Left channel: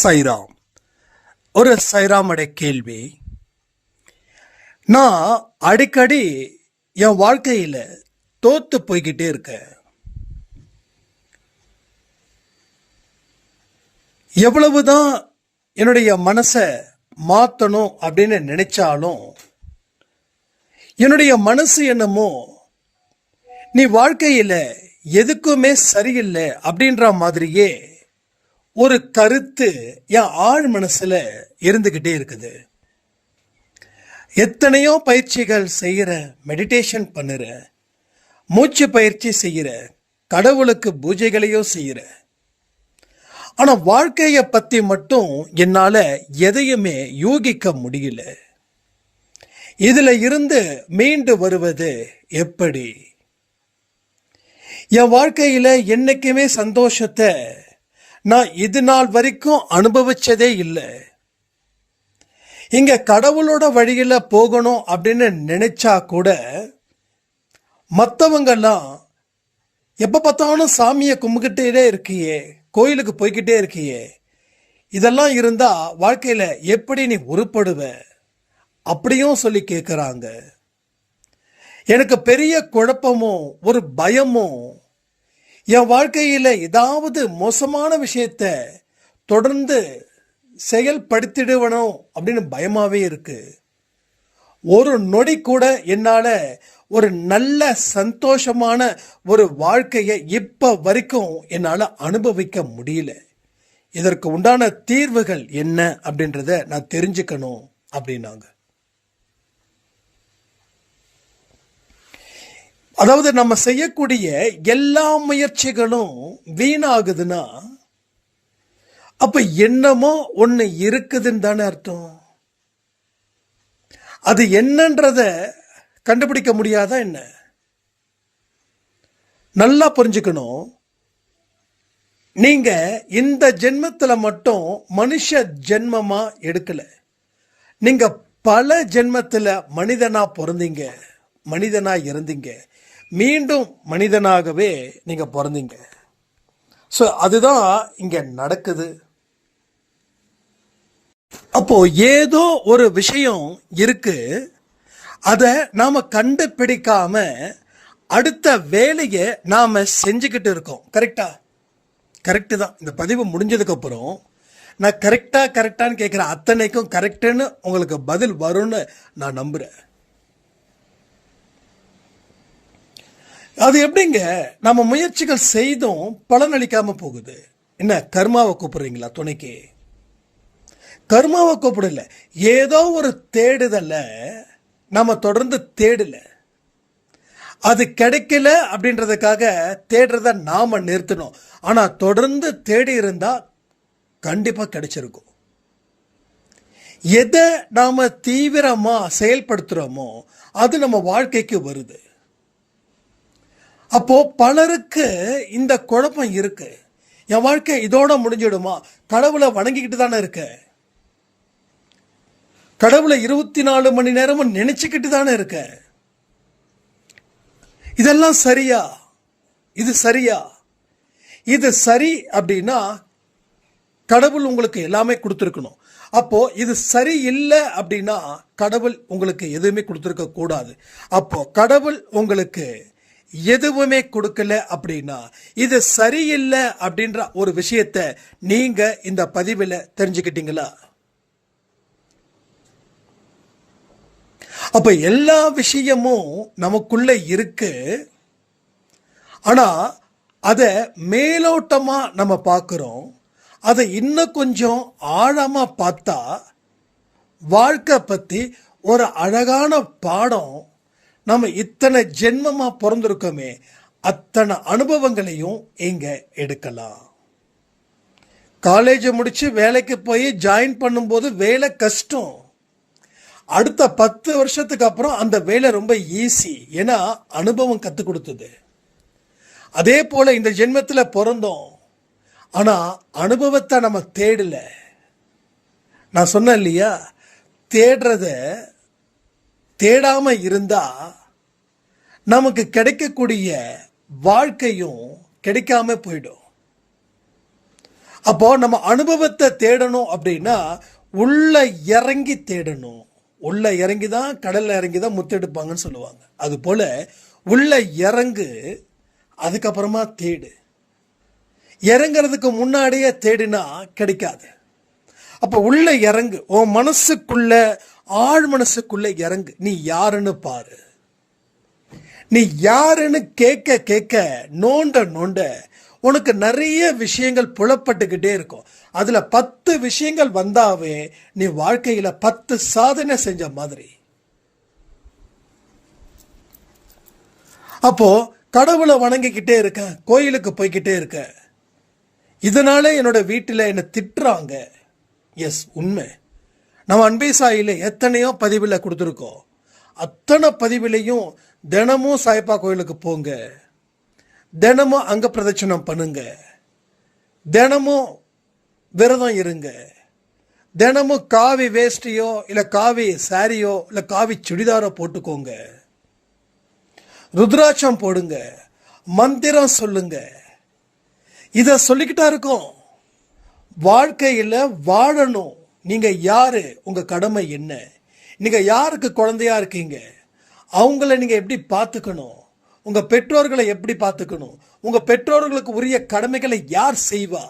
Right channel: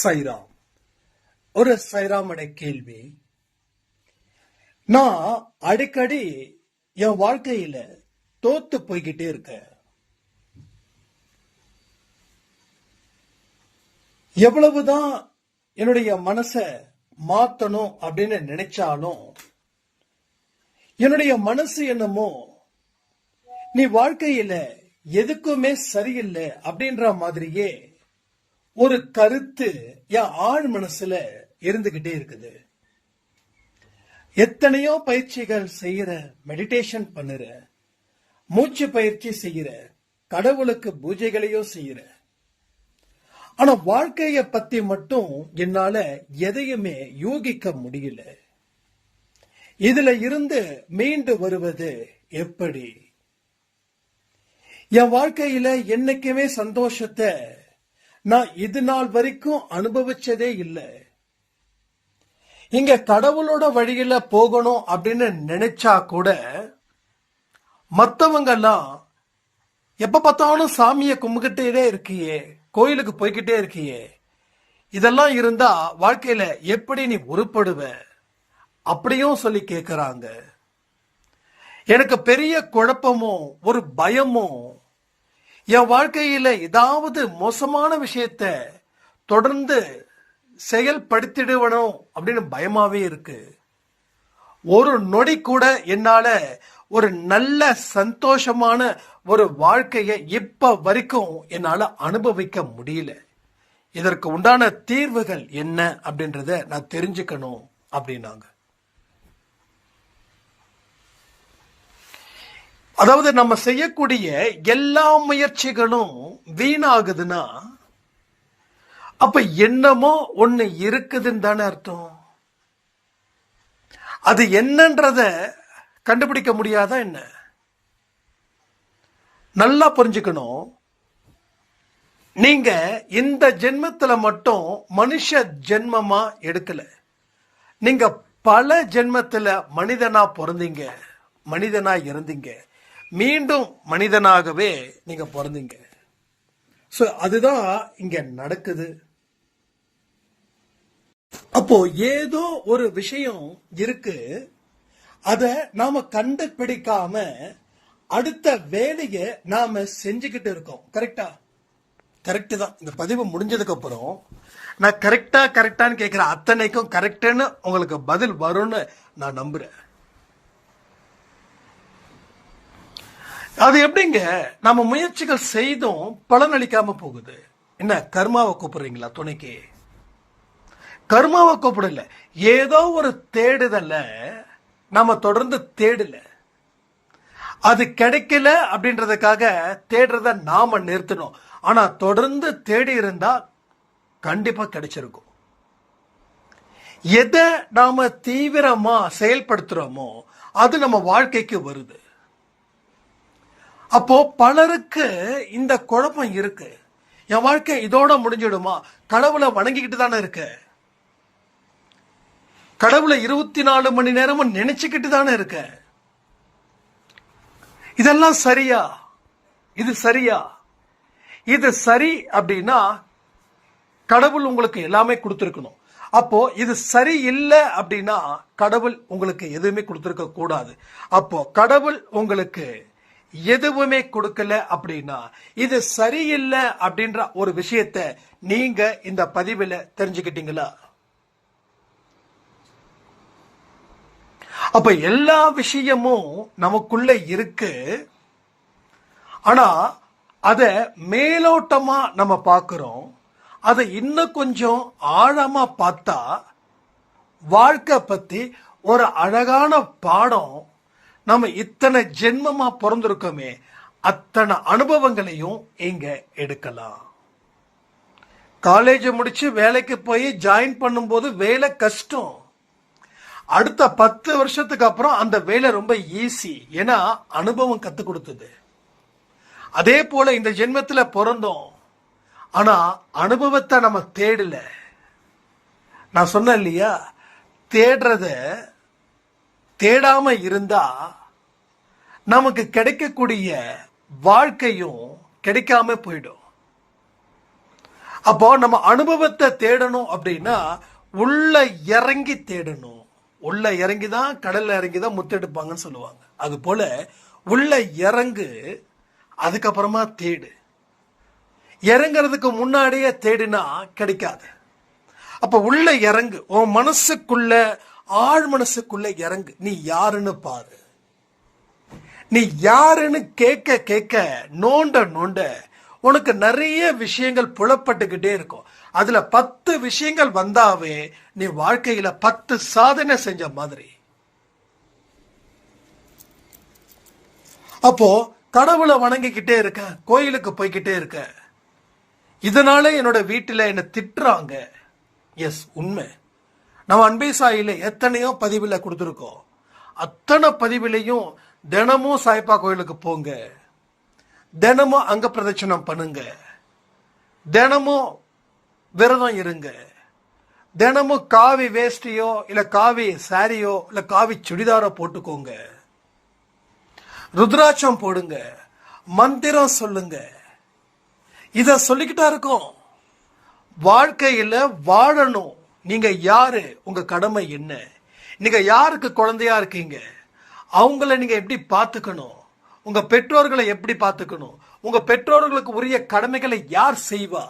சைராம். ஒரு சைராமுடைய கேள்வி. நான் அடிக்கடி என் வாழ்க்கையில தோத்து போய்கிட்டே இருக்கேன். எவ்வளவுதான் என்னுடைய மனசை மாத்தணும் அப்படின்னு நினைச்சாலும் என்னுடைய மனசு என்னமோ நீ வாழ்க்கையில எதுக்குமே சரியில்லை அப்படின்ற மாதிரியே ஒரு கருத்து என் ஆழ் மனசுல இருந்துகிட்டே இருக்குது. எத்தனையோ பயிற்சிகள் செய்யற, மெடிடேஷன் பண்ணுற, மூச்சு பயிற்சி செய்யற, கடவுளுக்கு பூஜைகளையோ செய்யற, ஆனா வாழ்க்கைய பத்தி மட்டும் என்னால எதையுமே யூகிக்க முடியல. இதுல இருந்து மீண்டு வருவது எப்படி? என் வாழ்க்கையில என்னைக்குமே சந்தோஷத்தை நான் இது நாள் வரைக்கும் அனுபவிச்சதே இல்லை. இங்க கடவுளோட வழியில போகணும் அப்படின்னு நினைச்சா கூட மற்றவங்கெல்லாம் எப்ப பார்த்தாலும் சாமியை கும்பிக்கிட்டே இருக்கியே, கோயிலுக்கு போய்கிட்டே இருக்கியே, இதெல்லாம் இருந்தா வாழ்க்கையில எப்படி நீ உருப்படுவ அப்படியும் சொல்லி கேட்குறாங்க. எனக்கு பெரிய குழப்பமும் ஒரு பயமும், என் வாழ்க்கையில ஏதாவது மோசமான விஷயத்த தொடர்ந்து செயல்படுத்திடுவனும் அப்படின்னு பயமாவே இருக்கு. ஒரு நொடி கூட என்னால ஒரு நல்ல சந்தோஷமான ஒரு வாழ்க்கையை இப்ப வரைக்கும் என்னால அனுபவிக்க முடியல. இதற்கு உண்டான தீர்வுகள் என்ன அப்படின்றத நான் தெரிஞ்சுக்கணும் அப்படின்னாங்க. அதாவது நம்ம செய்யக்கூடிய எல்லா முயற்சிகளும் வீணாகுதுன்னா அப்ப என்னமோ ஒண்ணு இருக்குதுன்னு தானே அர்த்தம். அது என்னன்றத கண்டுபிடிக்க முடியாதா என்ன? நல்லா புரிஞ்சுக்கணும். நீங்க இந்த ஜென்மத்துல மட்டும் மனுஷ ஜென்மமா எடுக்கல. நீங்க பல ஜென்மத்துல மனிதனா பிறந்தீங்க, மனிதனா இருந்தீங்க, மீண்டும் மனிதனாகவே நீங்க பிறந்தீங்க. ஸோ அதுதான் இங்க நடக்குது. அப்போ ஏதோ ஒரு விஷயம் இருக்கு, அதை நாம கண்டுபிடிக்காம அடுத்த வேலையை நாம செஞ்சுக்கிட்டு இருக்கோம். கரெக்டா? கரெக்டு தான். இந்த பதிவு முடிஞ்சதுக்கு அப்புறம் நான் கரெக்டான்னு கேட்குற அத்தனைக்கும் கரெக்டுன்னு உங்களுக்கு பதில் வரும்னு நான் நம்புறேன். அது எப்படிங்க நம்ம முயற்சிகள் செய்தும் பலனளிக்காம போகுது? என்ன கர்மாவை கூப்பிடுறீங்களா துணைக்கு? கர்மாவை கூப்பிடல, ஏதோ ஒரு தேடுதல நம்ம தொடர்ந்து தேடல. அது கிடைக்கல அப்படின்றதுக்காக தேடுறத நாம நிறுத்தணும். ஆனா தொடர்ந்து தேடி இருந்தா கண்டிப்பா கிடைச்சிருக்கும். எதை நாம தீவிரமா செயல்படுத்துறோமோ அது நம்ம வாழ்க்கைக்கு வருது. அப்போ பலருக்கு இந்த குழப்பம் இருக்கு. என் வாழ்க்கை இதோட முடிஞ்சிடுமா? கடவுளை வணங்கிக்கிட்டு தானே இருக்க, கடவுளை 24 மணி நேரமும் நினைச்சுக்கிட்டு தானே இருக்க. இதெல்லாம் சரியா? இது சரியா? இது சரி அப்படின்னா கடவுள் உங்களுக்கு எல்லாமே கொடுத்துருக்கணும். அப்போ இது சரி இல்லை அப்படின்னா கடவுள் உங்களுக்கு எதுவுமே கொடுத்துருக்க கூடாது. அப்போ கடவுள் உங்களுக்கு எதுவுமே கொடுக்கல அப்படின்னா இது சரியில்லை அப்படின்ற ஒரு விஷயத்த நீங்க இந்த பதிவில் தெரிஞ்சுக்கிட்டீங்களா? அப்ப எல்லா விஷயமும் நமக்குள்ள இருக்கு. ஆனா அத மேலோட்டமா நம்ம பார்க்கிறோம். அதை இன்னும் கொஞ்சம் ஆழமா பார்த்தா வாழ்க்கை பத்தி ஒரு அழகான பாடம். நம்ம இத்தனை ஜென்மமா பிறந்திருக்கோமே, அத்தனை அனுபவங்களையும் இங்க எடுக்கலாம். காலேஜ் முடிச்சு வேலைக்கு போய் ஜாயின் பண்ணும்போது வேலை கஷ்டம். அடுத்த 10 வருஷத்துக்கு அப்புறம் அந்த வேலை ரொம்ப ஈஸி. ஏன்னா அனுபவம் கத்து கொடுத்தது. அதே போல இந்த ஜென்மத்துல பிறந்தோம், ஆனா அனுபவத்தை நம்ம தேடல. நான் சொன்னேன் இல்லையா, தேடுறத தேடாம இருந்தா நமக்கு கிடைக்கக்கூடிய வாழ்க்கையும் கிடைக்காம போயிடும். அப்போ நம்ம அனுபவத்தை தேடணும் அப்படின்னா உள்ள இறங்கி தேடணும். உள்ள இறங்கி தான் கடல்ல இறங்கி தான் முத்தெடுப்பாங்கன்னு சொல்லுவாங்க. அது போல உள்ள இறங்கு, அதுக்கப்புறமா தேடு. இறங்கிறதுக்கு முன்னாடியே தேடினா கிடைக்காது. அப்ப உள்ள இறங்கு, உன் மனசுக்குள்ள, ஆழ் மனசுக்குள்ள இறங்கு. நீ யாருன்னு பாரு. நீ யாருன்னு கேட்க கேட்க, நோண்ட நோண்ட உனக்கு நிறைய விஷயங்கள் புலப்பட்டுக்கிட்டே இருக்கும். அதுல 10 விஷயங்கள் வந்தாவே நீ வாழ்க்கையில 10 சாதனை செஞ்ச மாதிரி. அப்போ கடவுளை வணங்கிக்கிட்டே இருக்க, கோயிலுக்கு போய்கிட்டே இருக்க, இதனால என்னோட வீட்டில் என்ன திட்டுறாங்க. எஸ், உண்மை. நம்ம அன்பே சாயில எத்தனையோ பதிவில் கொடுத்துருக்கோம். அத்தனை பதிவிலையும் தினமும் சாய்பா கோயிலுக்கு போங்க, தினமும் அங்க பிரதட்சணம் பண்ணுங்க, தினமும் விரதம் இருங்க, தினமும் காவி வேஷ்டியோ இல்லை காவி சாரியோ இல்லை காவி சுடிதாரோ போட்டுக்கோங்க, ருத்ராட்சம் போடுங்க, மந்திரம் சொல்லுங்க. இத சொல்லிக்கிட்டா இருக்கோம். வாழ்க்கையில வாழணும். நீங்க யாரு, உங்க கடமை என்ன, நீங்க யாருக்கு குழந்தையா இருக்கீங்க, அவங்கள நீங்க எப்படி பார்த்துக்கணும், உங்க பெற்றோர்களை எப்படி பார்த்துக்கணும், உங்க பெற்றோர்களுக்கு உரிய கடமைகளை யார் செய்வா.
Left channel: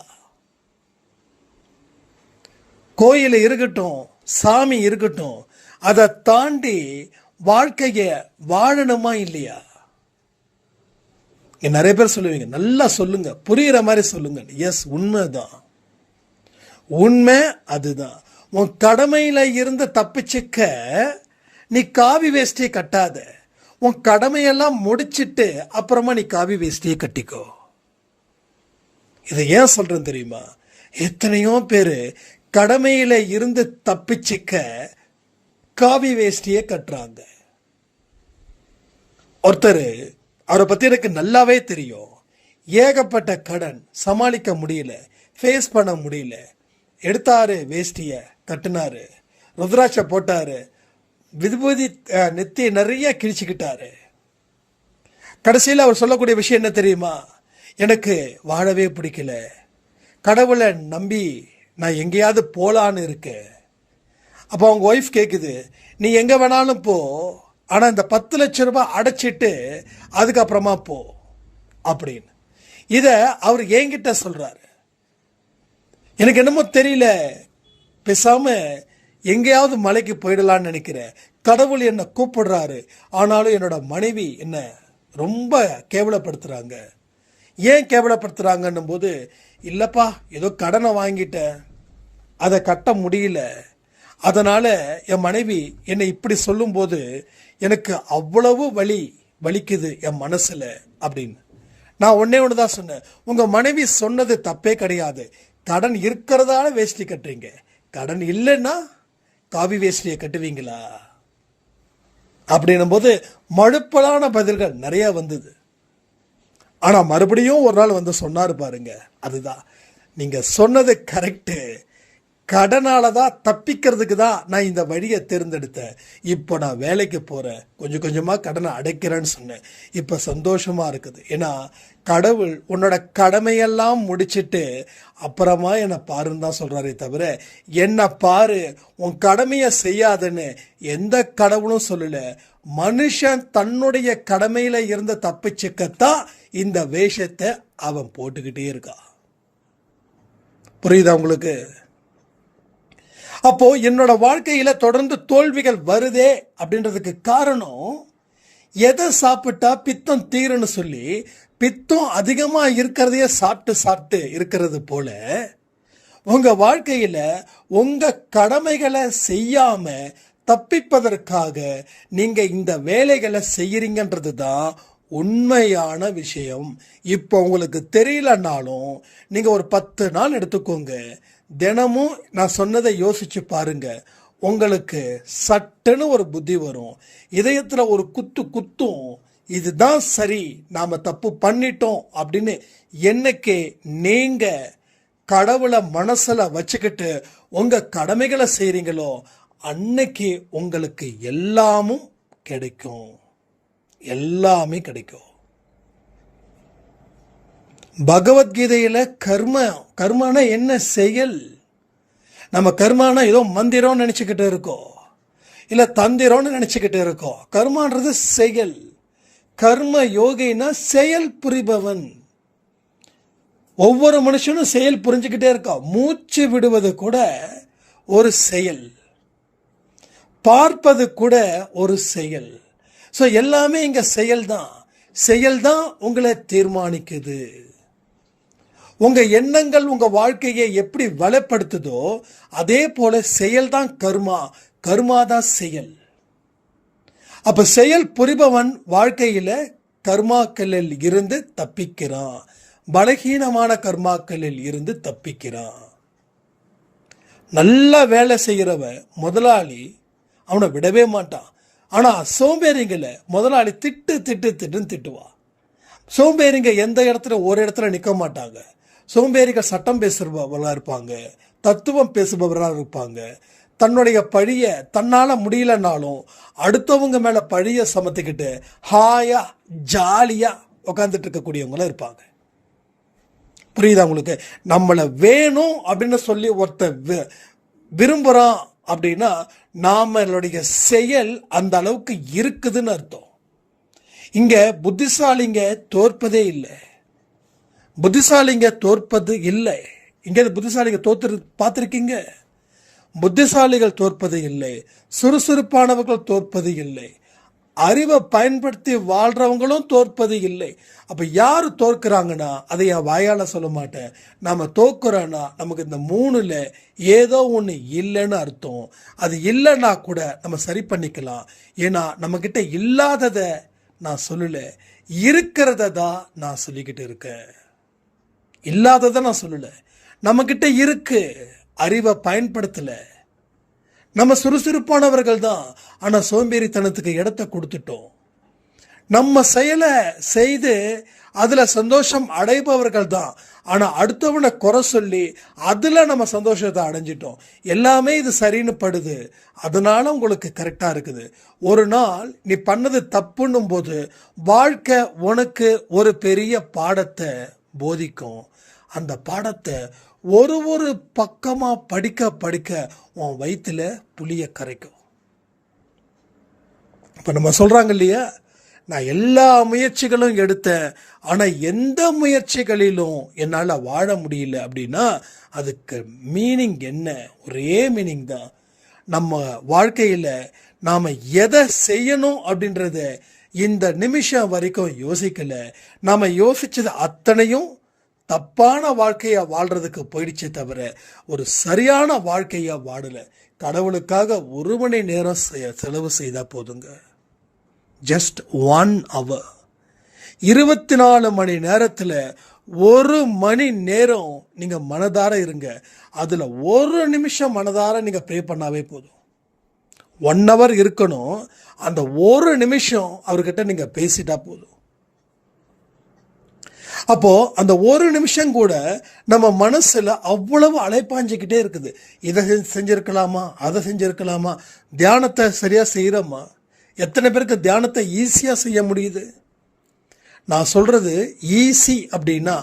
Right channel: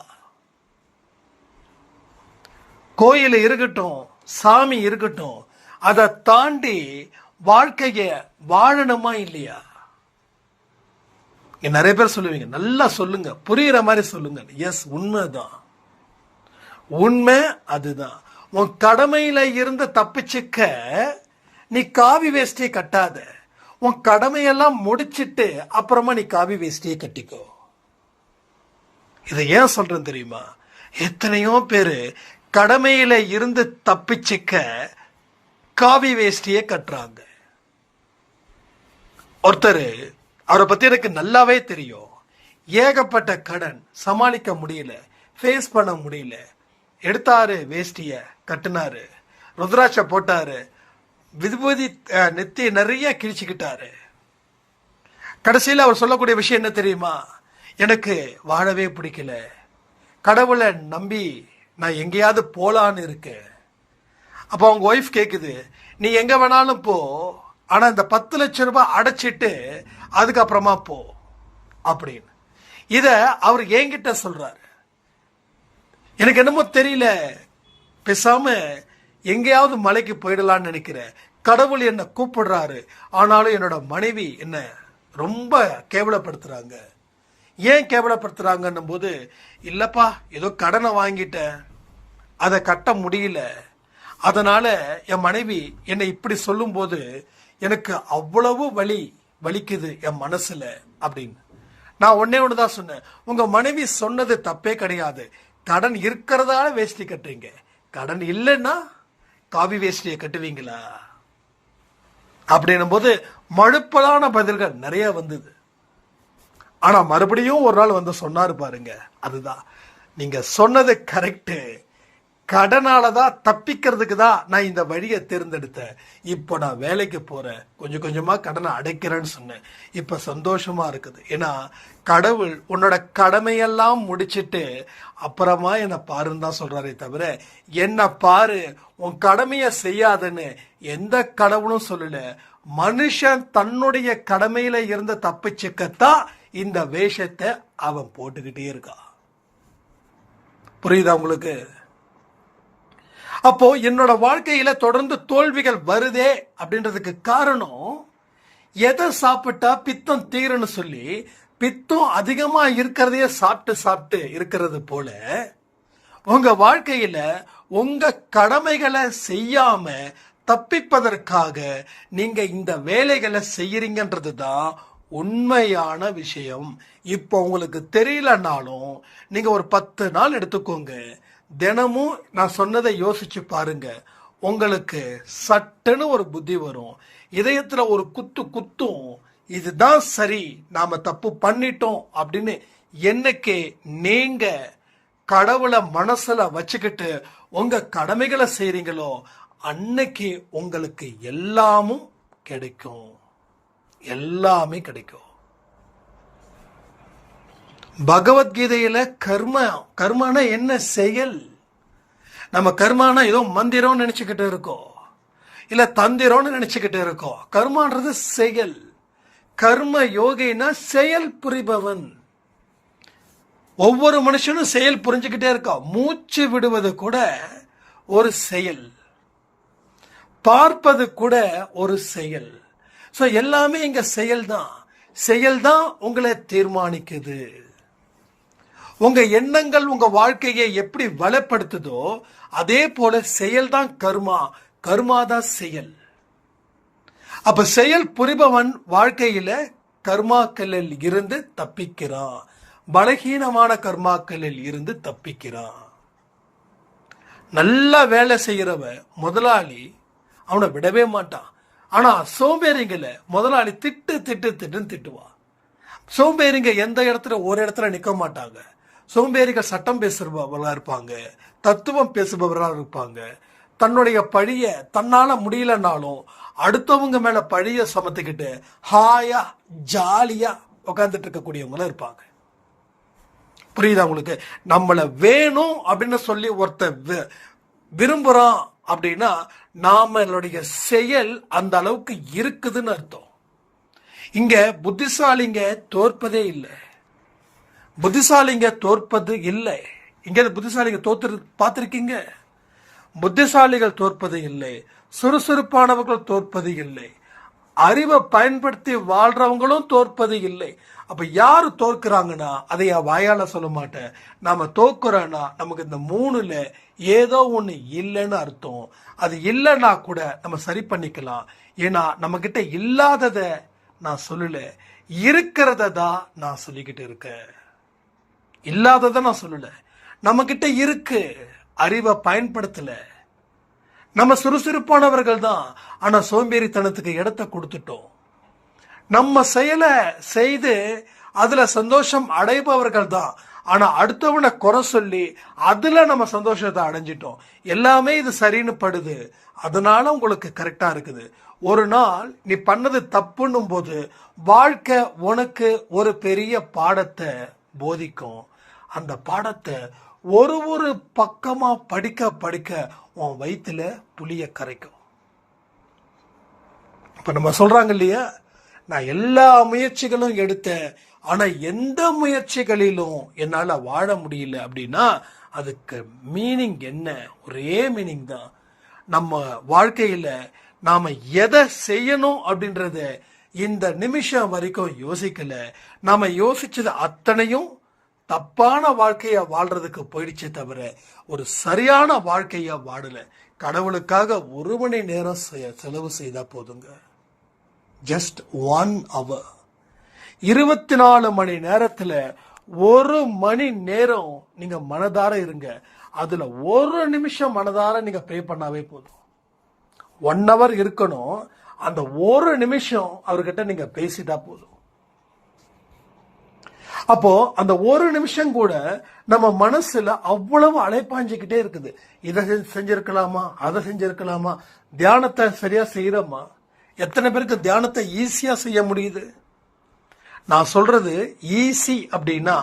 கோயில் இருக்கட்டும், சாமி இருக்கட்டும், அதை தாண்டி வாழ்க்கைய வாழணுமா இல்லையா? நிறைய பேர் சொல்லுவீங்க, நல்லா சொல்லுங்க, புரியுற மாதிரி சொல்லுங்க. எஸ், உண்மைதான். உண்மை அதுதான். உன் கடமையில இருந்து தப்பிச்சுக்க நீ காவி வேஷ்டியை கட்டாத. உன் கடமையெல்லாம் முடிச்சிட்டு அப்புறமா நீ காவி வேஷ்டியை கட்டிக்கோ. இதை ஏன் சொல்றேன் தெரியுமா? எத்தனையோ பேரு கடமையில இருந்து தப்பிச்சுக்க காவி வேஷ்டியை கட்டுறாங்க. ஒருத்தர், அவரை பத்தி எனக்கு நல்லாவே தெரியும். ஏகப்பட்ட கடன், சமாளிக்க முடியல, ஃபேஸ் பண்ண முடியல. எடுத்தாரு வேஷ்டிய, கட்டினாரு, ருத்ராட்ச போட்டாரு, விபூதி நெத்தி நிறைய கிழிச்சுக்கிட்டாரு. கடைசியில் அவர் சொல்லக்கூடிய விஷயம் என்ன தெரியுமா? எனக்கு வாழவே பிடிக்கல, கடவுளை நம்பி நான் எங்கேயாவது போலான்னு இருக்கேன். அப்போ அவங்க ஒய்ஃப் கேட்குது, நீ எங்க வேணாலும் போ, ஆனா இந்த 10 லட்சம் ரூபாய் அடைச்சிட்டு அதுக்கப்புறமா போ அப்படின்னு. இத அவர் என்கிட்ட சொல்றாரு. எனக்கு என்னமோ தெரியல, பேசாம எங்கேயாவது மலைக்கு போயிடலான்னு நினைக்கிறேன். கடவுள் என்ன கூப்பிடுறாரு, ஆனாலும் என்னோட மனைவி என்ன ரொம்ப கேவலப்படுத்துறாங்க. ஏன் கேவலப்படுத்துறாங்கன்னும் போது, இல்லப்பா ஏதோ கடனை வாங்கிட்டேன், அதை கட்ட முடியல, அதனால என் மனைவி என்னை இப்படி சொல்லும்போது எனக்கு அவ்வளவு வலிக்குது என் மனசுல அப்படின்னு. நான் ஒன்னே ஒண்ணுதான் சொன்னேன், உங்க மனைவி சொன்னது தப்பே கிடையாது. கடன் இருக்கிறதால வேஷ்டி கட்டுறீங்க, கடன் இல்லைன்னா காவி வேஷ்டியை கட்டுவீங்களா அப்படின்னும் போது மழுப்பலான பதில்கள் நிறைய வந்தது. ஆனா மறுபடியும் ஒரு நாள் வந்து சொன்னாரு பாருங்க, அதுதான் நீங்க சொன்னது கரெக்டு, கடனால தான் தப்பிக்கிறதுக்கு தான் நான் இந்த வழியை தேர்ந்தெடுத்தேன். இப்போ நான் வேலைக்கு போறேன், கொஞ்சம் கொஞ்சமா கடனை அடைக்கிறேன்னு சொன்னேன். இப்போ சந்தோஷமா இருக்குது. ஏன்னா கடவுள் உன்னோட கடமையெல்லாம் முடிச்சிட்டு அப்புறமா என்னை பாருன்னு தான் சொல்றாரே தவிர என்ன பாரு உன் கடமையை செய்யாதுன்னு எந்த கடவுளும் சொல்லல. மனுஷன் தன்னுடைய கடமையில இருந்து தப்பிச்சுக்கத்தான் இந்த வேஷத்தை அவன் போட்டுக்கிட்டே இருக்கான். புரியுதா உங்களுக்கு? அப்போ என்னோட வாழ்க்கையில தொடர்ந்து தோல்விகள் வருதே அப்படின்றதுக்கு காரணம், எதை சாப்பிட்டா பித்தம் தீருன்னு சொல்லி பித்தம் அதிகமா இருக்கிறதையே சாப்பிட்டு சாப்பிட்டு இருக்கிறது போல உங்க வாழ்க்கையில உங்க கடமைகளை செய்யாம தப்பிப்பதற்காக நீங்க இந்த வேலைகளை செய்யறீங்கன்றது தான் உண்மையான விஷயம். இப்போ உங்களுக்கு தெரியலனாலும் நீங்க ஒரு 10 நாள் எடுத்துக்கோங்க, தினமும் நான் சொன்னதை யோசிச்சு பாருங்க, உங்களுக்கு சட்டுன்னு ஒரு புத்தி வரும். இதயத்துல ஒரு குத்தும், இதுதான் சரி, நாம தப்பு பண்ணிட்டோம் அப்படின்னு. என்னைக்கு நீங்க கடவுளை மனசுல வச்சுக்கிட்டு உங்க கடமைகளை செய்றீங்களோ அன்னைக்கு உங்களுக்கு எல்லாமும் கிடைக்கும், எல்லாமே கிடைக்கும். பகவத்கீதையில கர்மனா என்ன செயல்? நம்ம கர்மானா ஏதோ மந்திரம்னு நினைச்சுக்கிட்டு இருக்கோம், இல்ல தந்திரம்னு நினைச்சுக்கிட்டு இருக்கோம். கர்மான்றது செயல். கர்ம யோகினா செயல் புரிபவன். ஒவ்வொரு மனுஷனும் செயல் புரிஞ்சுக்கிட்டே இருக்கான். மூச்சு விடுவது கூட ஒரு செயல், பார்ப்பது கூட ஒரு செயல். ஸோ எல்லாமே இங்க செயல் தான். செயல் தான் உங்களை தீர்மானிக்குது. உங்க எண்ணங்கள் உங்க வாழ்க்கையை எப்படி வளப்படுத்துதோ அதே போல செயல் தான் கர்மா, கர்மா தான் செயல். அப்ப செயல் புரிபவன் வாழ்க்கையில கர்மாக்களில் இருந்து தப்பிக்கிறான், பலகீனமான கர்மாக்களில் இருந்து தப்பிக்கிறான். நல்லா வேலை செய்யறவன் முதலாளி அவனை விடவே மாட்டான். ஆனா சோம்பேறிங்கள முதலாளி திட்டுன்னு திட்டுவான். சோம்பேறிங்க எந்த இடத்துல ஒரு இடத்துல நிற்க மாட்டாங்க. சோம்பேறிகள் சட்டம் பேசுபவர்களாக இருப்பாங்க, தத்துவம் பேசுபவர்களாக இருப்பாங்க. தன்னுடைய பழிய தன்னால முடியலனாலும் அடுத்தவங்க மேல பழிய சமத்துக்கிட்டு ஹாயா ஜாலியா உட்காந்துட்டு இருக்கக்கூடியவங்களும் இருப்பாங்க. புரியுதா உங்களுக்கு? நம்மளை வேணும் அப்படின்னு சொல்லி ஒருத்தர் விரும்புறான் அப்படின்னா நம்மளுடைய செயல் அந்த அளவுக்கு இருக்குதுன்னு அர்த்தம். இங்க புத்திசாலிங்க தோற்பதே இல்லை. புத்திசாலிங்க தோற்பது இல்லை. இங்க புத்திசாலிங்க தோத்து பார்த்திருக்கீங்க? புத்திசாலிகள் தோற்பது இல்லை, சுறுசுறுப்பானவர்கள் தோற்பது இல்லை, அறிவை பயன்படுத்தி வாழ்றவங்களும் தோற்பது இல்லை. அப்ப யாரு தோற்கிறாங்கன்னா அதை வாயால சொல்ல மாட்டேன். நாம தோக்குறோன்னா நமக்கு இந்த மூணுல ஏதோ ஒண்ணு இல்லைன்னு அர்த்தம். அது இல்லைன்னா கூட நம்ம சரி பண்ணிக்கலாம். ஏன்னா நம்ம கிட்ட இல்லாதத நான் சொல்லல, இருக்கிறத தான் நான் சொல்லிக்கிட்டு இருக்கேன். இல்லாததை நான் சொல்லல, நம்ம கிட்ட இருக்கு, அறிவை பயன்படுத்தல. நம்ம சுறுசுறுப்பானவர்கள் தான், ஆனா சோம்பேறித்தனத்துக்கு இடத்தை கொடுத்துட்டோம். நம்ம செயலை செய்து அதுல சந்தோஷம் அடைபவர்கள் தான், ஆனா அடுத்தவனை குறை சொல்லி அதுல நம்ம சந்தோஷத்தை அடைஞ்சிட்டோம். எல்லாமே இது சரின்னு படுது, அதனால உங்களுக்கு கரெக்டா இருக்குது. ஒரு நாள் நீ பண்ணது தப்புன்னும் போது வாழ்க்கை உனக்கு ஒரு பெரிய பாடத்தை போதிக்கும். அந்த பாடத்தை ஒரு ஒரு பக்கமா படிக்க படிக்க உன் வயிற்றுல புளிய கரைக்கும். இப்ப நம்ம சொல்றாங்க இல்லையா, நான் எல்லா முயற்சிகளும் எடுத்தேன், ஆனா எந்த முயற்சிகளிலும் என்னால வாழ முடியல அப்படின்னா அதுக்கு மீனிங் என்ன? ஒரே மீனிங் தான். நம்ம வாழ்க்கையில நாம எதை செய்யணும் அப்படின்றத இந்த நிமிஷம் வரைக்கும் யோசிக்கல. நாம யோசிச்சது அத்தனையும் தப்பான வாழ்க்கைய வாழ்றதுக்கு போயிடுச்சே தவிர ஒரு சரியான வாழ்க்கைய வாழல. கடவுளுக்காக 1 மணி நேரம் செலவு செய்தா போதுங்க. Just 1 hour. 24 மணி நேரத்துல 1 மணி நேரம் நீங்க மனதார இருங்க. அதுல 1 நிமிஷம் மனதார நீங்க ப்ரே பண்ணாவே போதும். 1 hour இருக்கணும், அந்த 1 நிமிஷம் அவர்கிட்ட நீங்க பேசிட்டா போதும். அப்போ அந்த 1 நிமிஷம் கூட நம்ம மனசுல அவ்வளவு அலைப்பாஞ்சிக்கிட்டே இருக்குது. இதை செஞ்சிருக்கலாமா, அதை செஞ்சிருக்கலாமா, தியானத்தை சரியா செய்யறோமா? எத்தனை பேருக்கு தியானத்தை ஈஸியா செய்ய முடியுது? நான் சொல்றது ஈஸி அப்படின்னா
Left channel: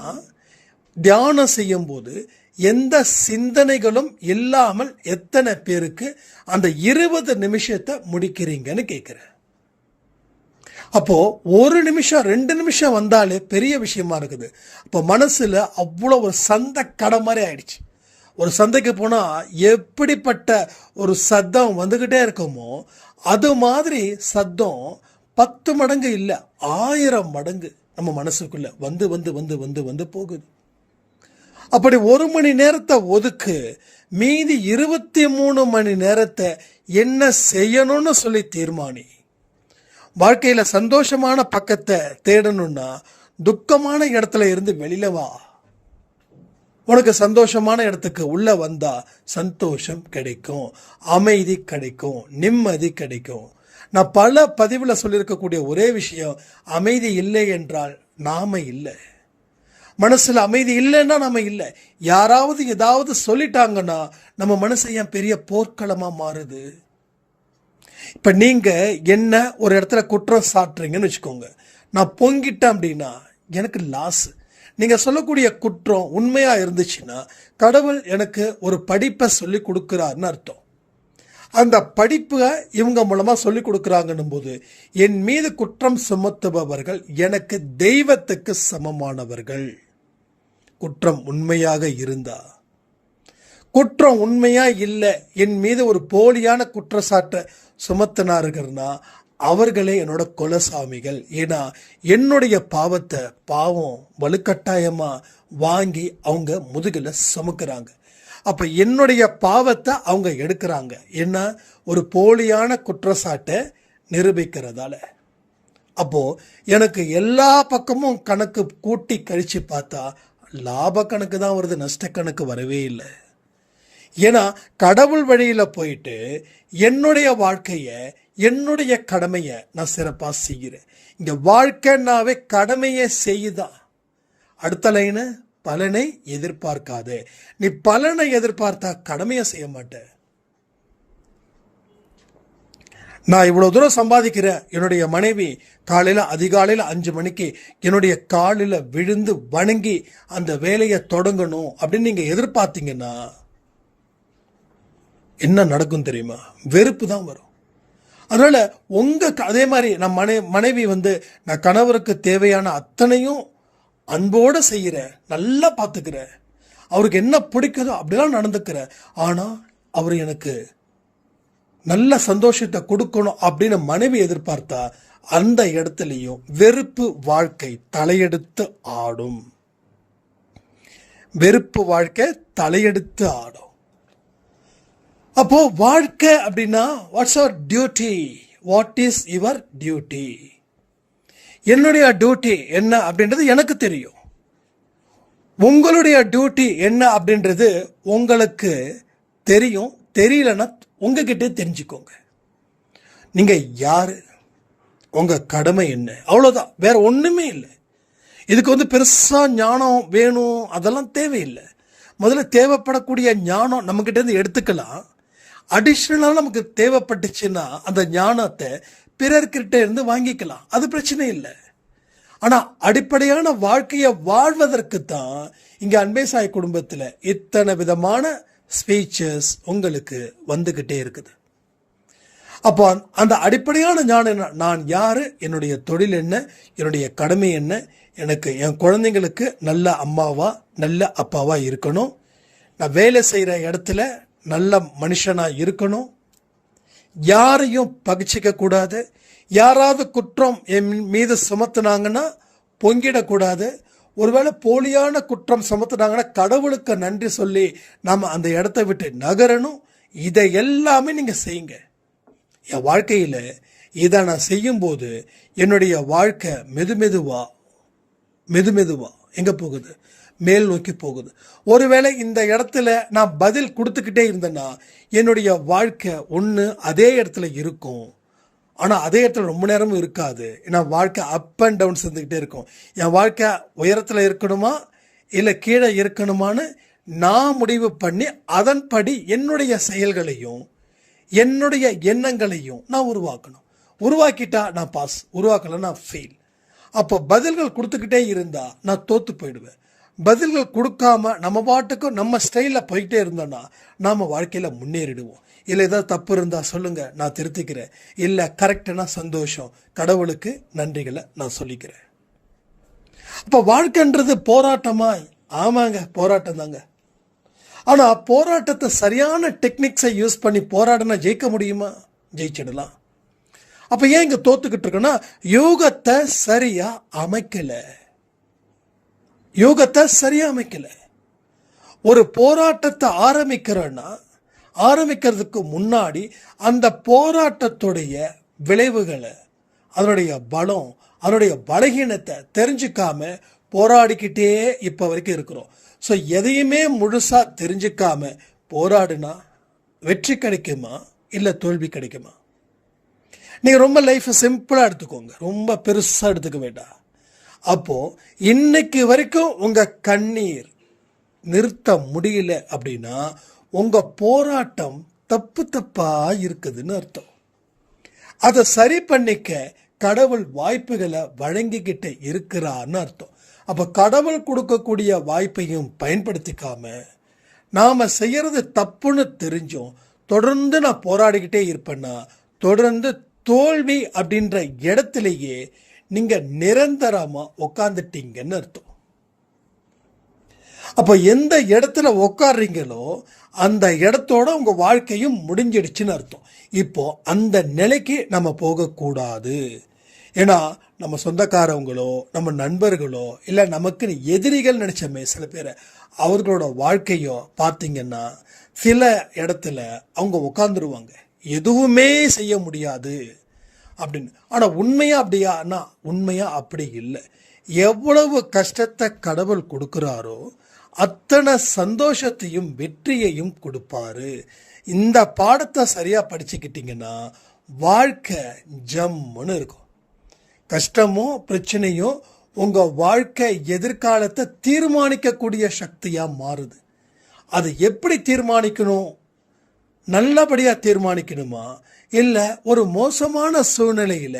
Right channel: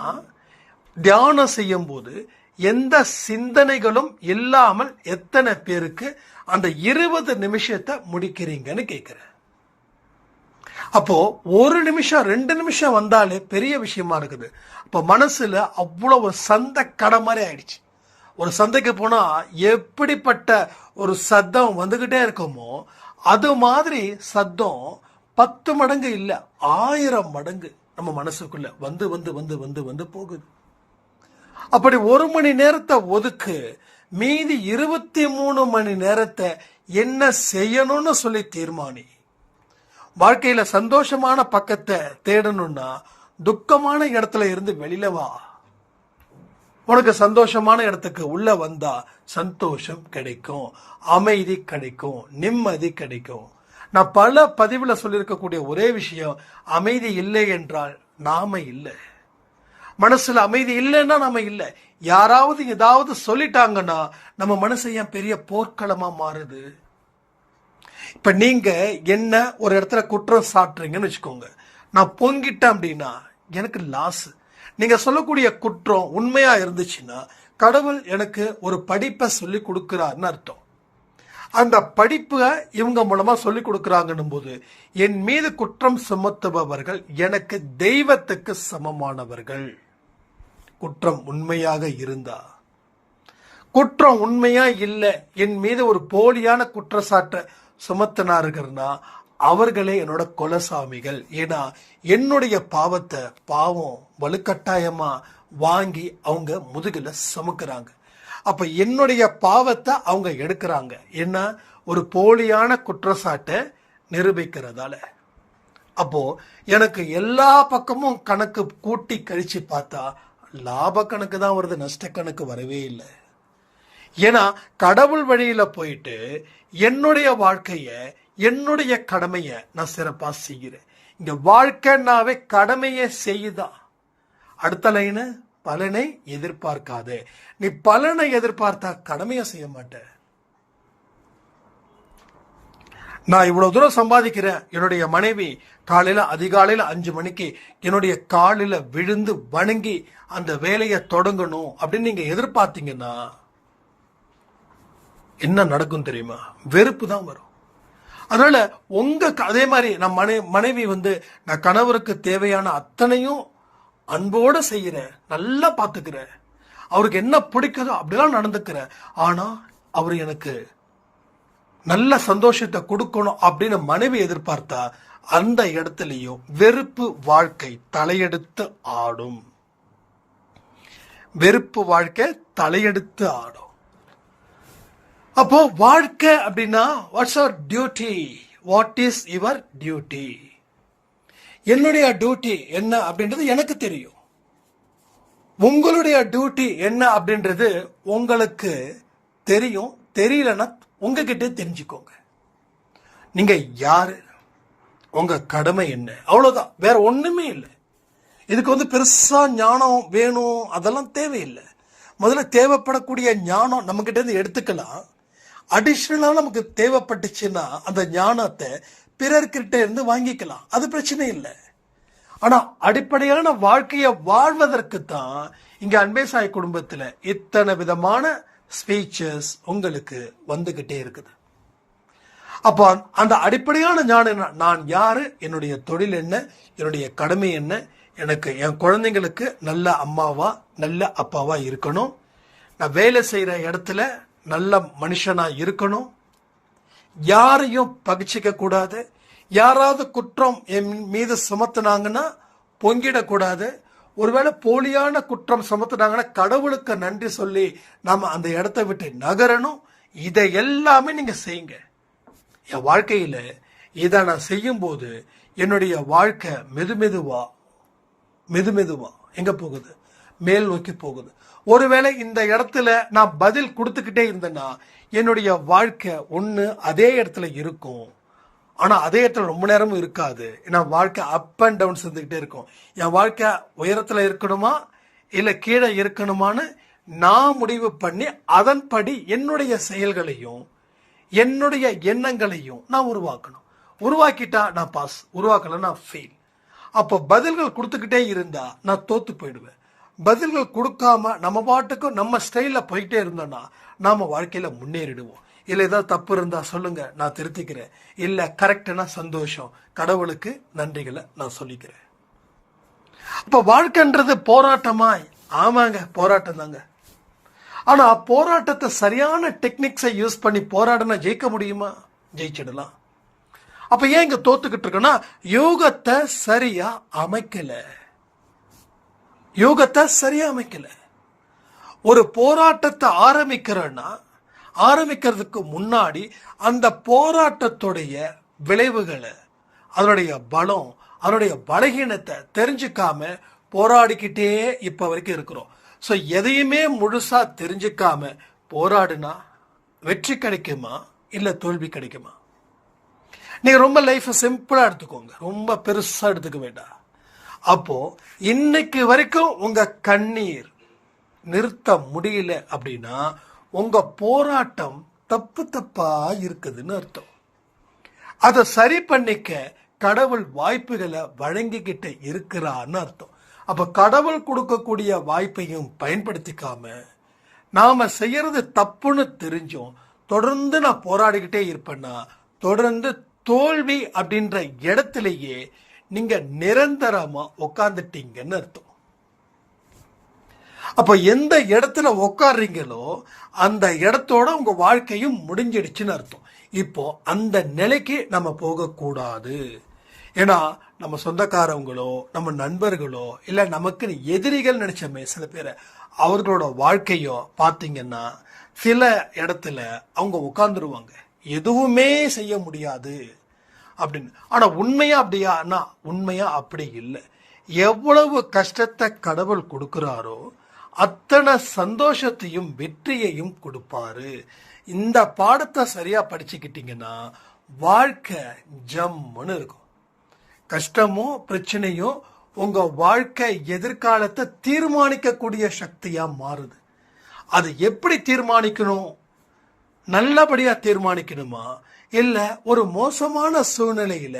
தியானம் செய்யும் போது எந்த சிந்தனைகளும் இல்லாமல் எத்தனை பேருக்கு அந்த 20 நிமிஷத்தை முடிக்கிறீங்கன்னு கேட்கிறேன். அப்போ 1 நிமிஷம் 2 நிமிஷம் வந்தாலே பெரிய விஷயமா இருக்குது. அப்போ மனசுல அவ்வளோ ஒரு சந்தை கடை மாதிரி ஆயிடுச்சு. ஒரு சந்தைக்கு போனா எப்படிப்பட்ட ஒரு சத்தம் வந்துகிட்டே இருக்குமோ அது மாதிரி சத்தம் 10 மடங்கு இல்லை 1000 மடங்கு நம்ம மனசுக்குள்ள வந்து வந்து வந்து வந்து வந்து போகுது. அப்படி 1 மணி நேரத்தை ஒதுக்கு, மீதி 23 மணி நேரத்தை என்ன செய்யணும்னு சொல்லி தீர்மானி. வாழ்க்கையில சந்தோஷமான பக்கத்தை தேடணும்னா துக்கமான இடத்துல இருந்து வெளியில வா. உனக்கு சந்தோஷமான இடத்துக்கு உள்ள வந்தா சந்தோஷம் கிடைக்கும், அமைதி கிடைக்கும், நிம்மதி கிடைக்கும். நான் பல பதிவுல சொல்லியிருக்கக்கூடிய ஒரே விஷயம், அமைதி இல்லை என்றால் நாம இல்லை. மனசுல அமைதி இல்லைன்னா நாம இல்லை. யாராவது ஏதாவது சொல்லிட்டாங்கன்னா நம்ம மனசு ஏன் பெரிய போர்க்களமா மாறுது? இப்ப நீங்க என்ன ஒரு இடத்துல குற்றம் சாட்டுறீங்கன்னு வச்சுக்கோங்க, நான் பொங்கிட்டேன் அப்படின்னா எனக்கு லாஸ். நீங்கள் சொல்லக்கூடிய குற்றம் உண்மையாக இருந்துச்சுன்னா கடவுள் எனக்கு ஒரு படிப்பை சொல்லி கொடுக்குறாருன்னு அர்த்தம். அந்த படிப்பை இவங்க மூலமாக சொல்லி கொடுக்குறாங்கன்னும் போது என் மீது குற்றம் சுமத்துபவர்கள் எனக்கு தெய்வத்துக்கு சமமானவர்கள். குற்றம் உண்மையாக இருந்தா, குற்றம் உண்மையா இல்லை, என் மீது ஒரு போலியான குற்றச்சாட்டை சுமத்தினார்கள்னா அவர்களே என்னோட கொலசாமிகள். ஏன்னா என்னுடைய பாவத்தை பாவம் வலுக்கட்டாயமாக வாங்கி அவங்க முதுகில் சுமக்கிறாங்க. அப்போ என்னுடைய பாவத்தை அவங்க எடுக்கிறாங்க. என்ன, ஒரு போலியான குற்றச்சாட்டை நிரூபிக்கிறதால. அப்போது எனக்கு எல்லா பக்கமும் கணக்கு கூட்டி கழித்து பார்த்தா லாப கணக்கு தான் வருது, நஷ்ட கணக்கு வரவே இல்லை. ஏன்னா கடவுள் வழியில் போயிட்டு என்னுடைய வாழ்க்கையை என்னுடைய கடமையை நான் சிறப்பாக செய்கிறேன். இங்கே வாழ்க்கைன்னாவே கடமையை செய்யுதான். அடுத்த லைனு, பலனை எதிர்பார்க்காதே. நீ பலனை எதிர்பார்த்தா கடமையை செய்ய மாட்டேன். நான் இவ்வளோ தூரம் சம்பாதிக்கிறேன், என்னுடைய மனைவி காலையில் அதிகாலையில் 5 மணிக்கு என்னுடைய காலில் விழுந்து வணங்கி அந்த வேலையை தொடங்கணும் அப்படின்னு நீங்கள் எதிர்பார்த்தீங்கன்னா என்ன நடக்கும் தெரியுமா? வெறுப்பு தான் வரும். அதனால் அதே மாதிரி நான் மனைவி நான் கணவருக்கு தேவையான அத்தனையும் அன்போடு செய்கிறேன், நல்லா பார்த்துக்கிறேன், அவருக்கு என்ன பிடிக்குதோ அப்படிலாம் நடந்துக்கிறேன். ஆனால் அவர் எனக்கு நல்ல சந்தோஷத்தை கொடுக்கணும் அப்படின்னு மனைவி எதிர்பார்த்தா அந்த இடத்துலையும் வெறுப்பு வாழ்க்கை தலையெடுத்து ஆடும். வெறுப்பு வாழ்க்கை தலையெடுத்து ஆடும். அப்போ வாழ்க்கை அப்படின்னா what's our duty, what is your duty? என்னுடைய டியூட்டி என்ன அப்படின்றது எனக்கு தெரியும். உங்களுடைய டியூட்டி என்ன அப்படின்றது உங்களுக்கு தெரியும். தெரியலன்னா உங்ககிட்ட தெரிஞ்சுக்கோங்க. நீங்க யாரு, உங்க கடமை என்ன, அவ்வளோதான், வேற ஒண்ணுமே இல்லை. இதுக்கு பெருசா ஞானம் வேணும் அதெல்லாம் தேவையில்லை. முதல்ல தேவைப்படக்கூடிய ஞானம் நம்மகிட்ட இருந்து எடுத்துக்கலாம். அடிஷ்னலாக நமக்கு தேவைப்பட்டுச்சுன்னா அந்த ஞானத்தை பிறர்கிட்ட இருந்து வாங்கிக்கலாம், அது பிரச்சனை இல்லை. ஆனால் அடிப்படையான வாழ்க்கையை வாழ்வதற்கு தான் இங்கே அன்பே சாய் குடும்பத்தில் இத்தனை விதமான ஸ்பீச்சஸ் உங்களுக்கு வந்துக்கிட்டே இருக்குது. அப்போ அந்த அடிப்படையான ஞானம் என்ன, நான் யார், என்னுடைய தொழில் என்ன, என்னுடைய கடமை என்ன, எனக்கு என் குழந்தைங்களுக்கு நல்ல அம்மாவா நல்ல அப்பாவா இருக்கணும், நான் வேலை செய்கிற இடத்துல நல்ல மனுஷனாக இருக்கணும், யாரையும் பகிச்சிக்க கூடாது, யாராவது குற்றம் என் மீது சுமத்துனாங்கன்னா பொங்கிடக்கூடாது, ஒருவேளை போலியான குற்றம் சுமத்துனாங்கன்னா கடவுளுக்கு நன்றி சொல்லி நாம் அந்த இடத்த விட்டு நகரணும். இதை எல்லாமே நீங்கள் செய்யுங்க. என் வாழ்க்கையில் இதை நான் செய்யும்போது என்னுடைய வாழ்க்கை மெதுமெதுவா எங்கே போகுது, மேல் நோக்கி போகுது. ஒருவேளை இந்த இடத்துல நான் பதில் கொடுத்துக்கிட்டே இருந்தேன்னா என்னுடைய வாழ்க்கை ஒன்று அதே இடத்துல இருக்கும், ஆனால் அதே இடத்துல ரொம்ப நேரமும் இருக்காது. ஏன்னா வாழ்க்கை அப் அண்ட் டவுன்ஸ் இருந்துக்கிட்டே இருக்கும். என் வாழ்க்கை உயரத்தில் இருக்கணுமா இல்லை கீழே இருக்கணுமான்னு நான் முடிவு பண்ணி அதன்படி என்னுடைய செயல்களையும் என்னுடைய எண்ணங்களையும் நான் உருவாக்கணும். உருவாக்கிட்டா நான் பாஸ், உருவாக்கலை நான் ஃபெயில். அப்போ பதில்கள் கொடுத்துக்கிட்டே இருந்தால் நான் தோற்று போயிடுவேன். பதில்கள் கொடுக்காம நம்ம பாட்டுக்கும் நம்ம ஸ்டைலில் போயிட்டே இருந்தோன்னா நாம் வாழ்க்கையில் முன்னேறிடுவோம். இல்லை ஏதாவது தப்பு இருந்தால் சொல்லுங்கள், நான் திருத்திக்கிறேன். இல்லை கரெக்டுனா சந்தோஷம், கடவுளுக்கு நன்றிகளை நான் சொல்லிக்கிறேன். அப்போ வாழ்க்கைன்றது போராட்டமாய், ஆமாங்க போராட்டம் தாங்க. ஆனால் போராட்டத்தை சரியான டெக்னிக்ஸை யூஸ் பண்ணி போராடினா ஜெயிக்க முடியுமா? ஜெயிச்சிடலாம். அப்போ ஏன் இங்கே தோத்துக்கிட்டு இருக்கோன்னா யோகத்தை சரியாக அமைக்கலை. யோகத்தை சரியாக அமைக்கலை. ஒரு போராட்டத்தை ஆரம்பிக்கிறதுக்கு முன்னாடி அந்த போராட்டத்துடைய விளைவுகளை, அதனுடைய பலம், அதனுடைய பலகீனத்தை தெரிஞ்சுக்காம போராடிக்கிட்டே இப்போ வரைக்கும் இருக்கிறோம். ஸோ எதையுமே முழுசாக தெரிஞ்சுக்காம போராடுனா வெற்றி கிடைக்குமா இல்லை தோல்வி கிடைக்குமா? நீங்கள் ரொம்ப லைஃப்பை சிம்பிளாக எடுத்துக்கோங்க, ரொம்ப பெருசாக எடுத்துக்க வேண்டாம். அப்போது இன்னைக்கு வரைக்கும் உங்கள் கண்ணீர் நிறுத்த முடியல அப்படின்னா உங்கள் போராட்டம் தப்பாக இருக்குதுன்னு அர்த்தம். அதை சரி பண்ணிக்க கடவுள் வாய்ப்புகளை வழங்கிக்கிட்டு இருக்கிறான்னு அர்த்தம். அப்ப கடவுள் கொடுக்கக்கூடிய வாய்ப்பையும் பயன்படுத்திக்காம நாம செய்யறது தப்புன்னு தெரிஞ்சும் தொடர்ந்து நான் போராடிக்கிட்டே இருப்பேன்னா தொடர்ந்து தோல்வி அப்படின்ற இடத்திலேயே நீங்க நிரந்தரமா உட்காந்துட்டீங்கன்னு அர்த்தம். அப்போ எந்த இடத்துல உட்காடுறீங்களோ அந்த இடத்தோட உங்க வாழ்க்கையும் முடிஞ்சிடுச்சுன்னு அர்த்தம். இப்போ அந்த நிலைக்கு நம்ம போகக்கூடாது. ஏன்னா நம்ம சொந்தக்காரவங்களோ நம்ம நண்பர்களோ இல்லை நமக்கு எதிரிகள் நினைச்சமே சில பேரை அவர்களோட வாழ்க்கையோ பார்த்தீங்கன்னா சில இடத்துல அவங்க உட்காந்துருவாங்க, எதுவுமே செய்ய முடியாது அப்படின்னு. ஆனால் உண்மையா அப்படியானா உண்மையா அப்படி இல்லை. எவ்வளவு கஷ்டத்தை கடவுள் கொடுக்குறாரோ அத்தனை சந்தோஷத்தையும் வெற்றியையும் கொடுப்பாரு. இந்த பாடத்தை சரியா படிச்சுக்கிட்டீங்கன்னா வாழ்க்கை ஜம்முன்னு இருக்கும். கஷ்டமோ பிரச்சனையோ உங்க வாழ்க்கை எதிர்காலத்தை தீர்மானிக்கக்கூடிய சக்தியா மாறுது. அது எப்படி தீர்மானிக்கணும்? நல்லபடியா தீர்மானிக்கணுமா இல்லை ஒரு மோசமான சூழ்நிலையில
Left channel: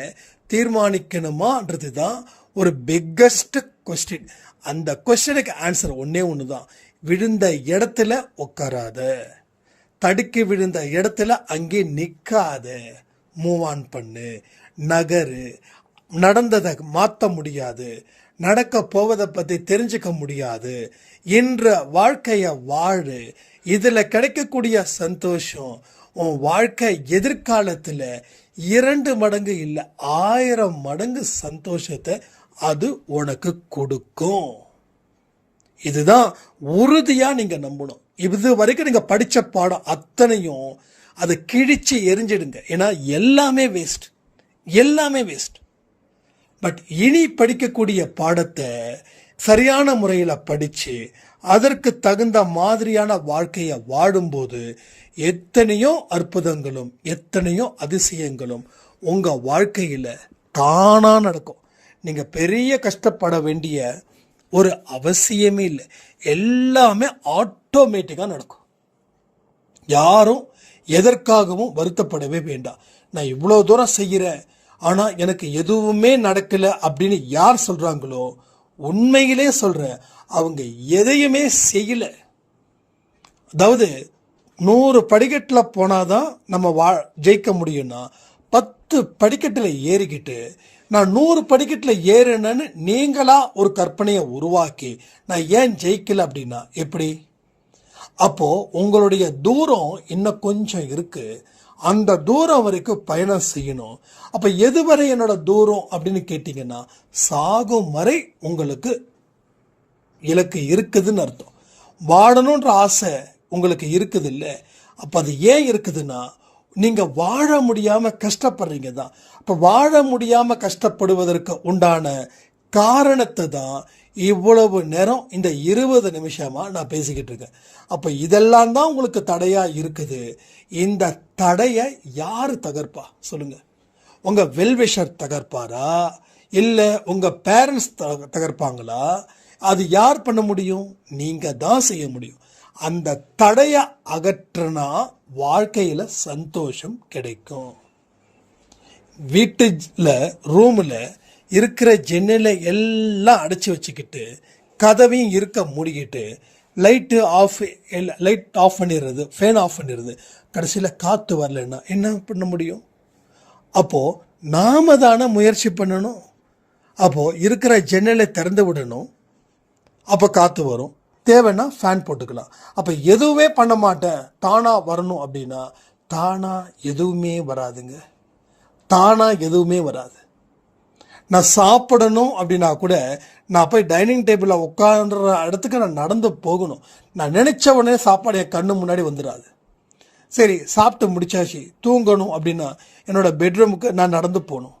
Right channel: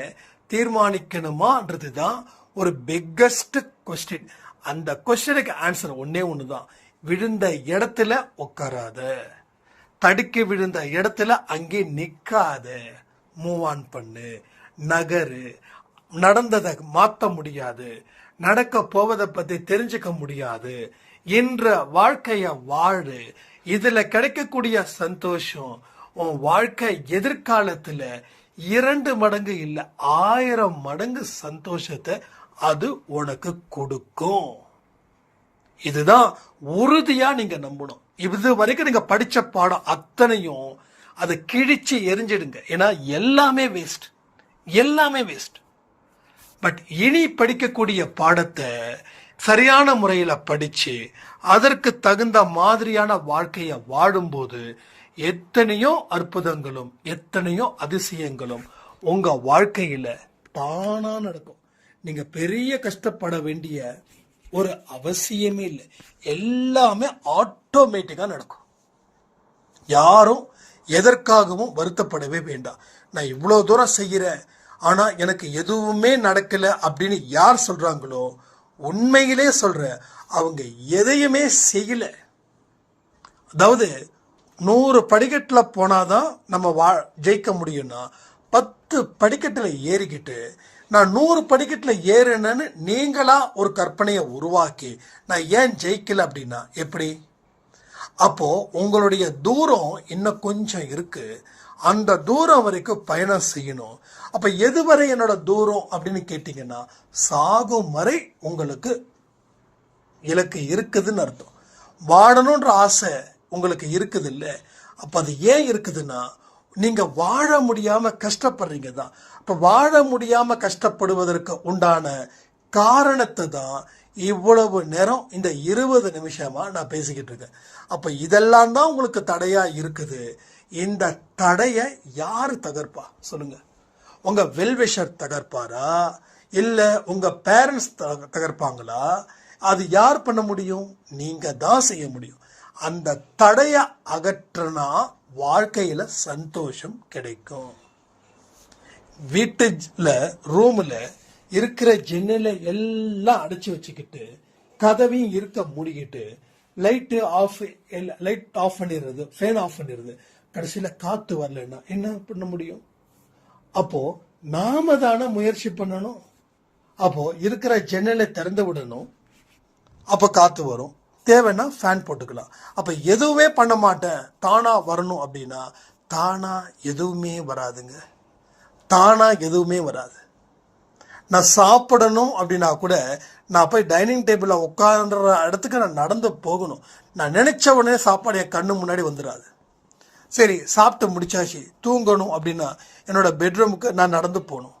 தீர்மானிக்கணுமான்றது தான் ஒரு பிக்கஸ்ட் கொஸ்டின். அந்த கொஸ்டினுக்கு ஆன்சர் ஒன்னே ஒண்ணுதான், விழுந்த இடத்துல உட்காராத, தடுக்கி விழுந்த இடத்துல அங்கே நிற்காத, மூவ் ஆன் பண்ணு, நகரு. நடந்ததை மாற்ற முடியாது, நடக்க போவதை பற்றி தெரிஞ்சுக்க முடியாது என்ற வாழ்க்கையை வாழு. இதில் கிடைக்கக்கூடிய சந்தோஷம் உன் வாழ்க்கை எதிர்காலத்தில் 2 மடங்கு இல்லை 1000 மடங்கு சந்தோஷத்தை அது உனக்கு கொடுக்கும். இதுதான் உறுதியா நீங்க நம்பணும். இது வரைக்கும் நீங்க படிச்ச பாடம் அத்தனையும் அதை கிழிச்சு எரிஞ்சிடுங்க. ஏன்னா எல்லாமே வேஸ்ட், எல்லாமே வேஸ்ட். பட் இனி படிக்கக்கூடிய பாடத்தை சரியான முறையில் படிச்சு அதற்கு தகுந்த மாதிரியான வாழ்க்கையை வாழும்போது எத்தனையோ அற்புதங்களும் எத்தனையோ அதிசயங்களும் உங்க வாழ்க்கையில தானா நடக்கும். நீங்க பெரிய கஷ்டப்பட வேண்டிய ஒரு அவசியமே இல்லை, எல்லாமே ஆட்டோமேட்டிக்கா நடக்கும். யாரும் எதற்காகவும் வருத்தப்படவே வேண்டாம். நான் இவ்வளோ தூரம் செய்கிறேன் ஆனா எனக்கு எதுவுமே நடக்கல அப்படின்னு யார் சொல்றாங்களோ உண்மையிலே சொல்ற அவங்க எதையுமே செய்யல. அதாவது 100 படிக்கட்டில் போனாதான் நம்ம ஜெயிக்க முடியும்னா 10 படிக்கட்டில் ஏறிக்கிட்டு நான் 100 படிக்கட்டில் ஏறினேன்னு நீங்களா ஒரு கற்பனையை உருவாக்கி நான் ஏன் ஜெயிக்கல அப்படின்னா எப்படி? அப்போ உங்களுடைய தூரம் இன்னும் கொஞ்சம் இருக்கு, அந்த தூரம் வரைக்கும் பயணம் செய்யணும். அப்ப எதுவரை என்னோட தூரம் அப்படின்னு கேட்டீங்கன்னா சாகும் வரை உங்களுக்கு இலக்கு இருக்குதுன்னு அர்த்தம். வாழணுன்ற ஆசை உங்களுக்கு இருக்குது இல்லை? அப்ப அது ஏன் இருக்குதுன்னா நீங்க வாழ முடியாம கஷ்டப்படுறீங்க தான். அப்ப வாழ முடியாம கஷ்டப்படுவதற்கு உண்டான காரணத்தை தான் இவ்வளவு நேரம் இந்த 20 நிமிஷமா நான் பேசிக்கிட்டு இருக்கேன். அப்ப இதெல்லாம் தான் உங்களுக்கு தடையா இருக்குது. இந்த தடையை யாரு தகர்ப்பா சொல்லுங்க? உங்க வெல்விஷர் தகர்ப்பாரா இல்ல உங்க பேரண்ட்ஸ் தகர்ப்பாங்களா? அது யார் பண்ண முடியும்? நீங்க தான் செய்ய முடியும். அந்த தடைய அகற்றினா வாழ்க்கையில சந்தோஷம் கிடைக்கும். வீட்டுல ரூம்ல இருக்கிற ஜன்னலை எல்லாம் அடைச்சி வச்சுக்கிட்டு கதவையும் இருக்க மூடிக்கிட்டு லைட் ஆஃப் பண்ணிடுறது, ஃபேன் ஆஃப் பண்ணிடுறது, கடைசியில் காற்று வரலன்னா என்ன பண்ண முடியும்? அப்போ நாம தானே முயற்சி பண்ணணும். அப்போ இருக்கிற ஜன்னலை திறந்து விடணும், அப்போ காற்று வரும். தேவைன்னா ஃபேன் போட்டுக்கலாம். அப்போ எதுவுமே பண்ண மாட்டேன் தானா வரணும் அப்படின்னா தானா எதுவுமே வராதுங்க. தானா எதுவுமே வராது. நான் சாப்பிடணும் அப்படின்னா கூட நான் போய் டைனிங் டேபிளில் உட்கார்ற இடத்துக்கு நான் நடந்து போகணும். நான் நினைச்ச உடனே சாப்பாடு என் கண்ணு முன்னாடி வந்துடாது. சரி சாப்பிட்டு முடிச்சாச்சு தூங்கணும் அப்படின்னா என்னோட பெட்ரூமுக்கு நான் நடந்து போகணும்,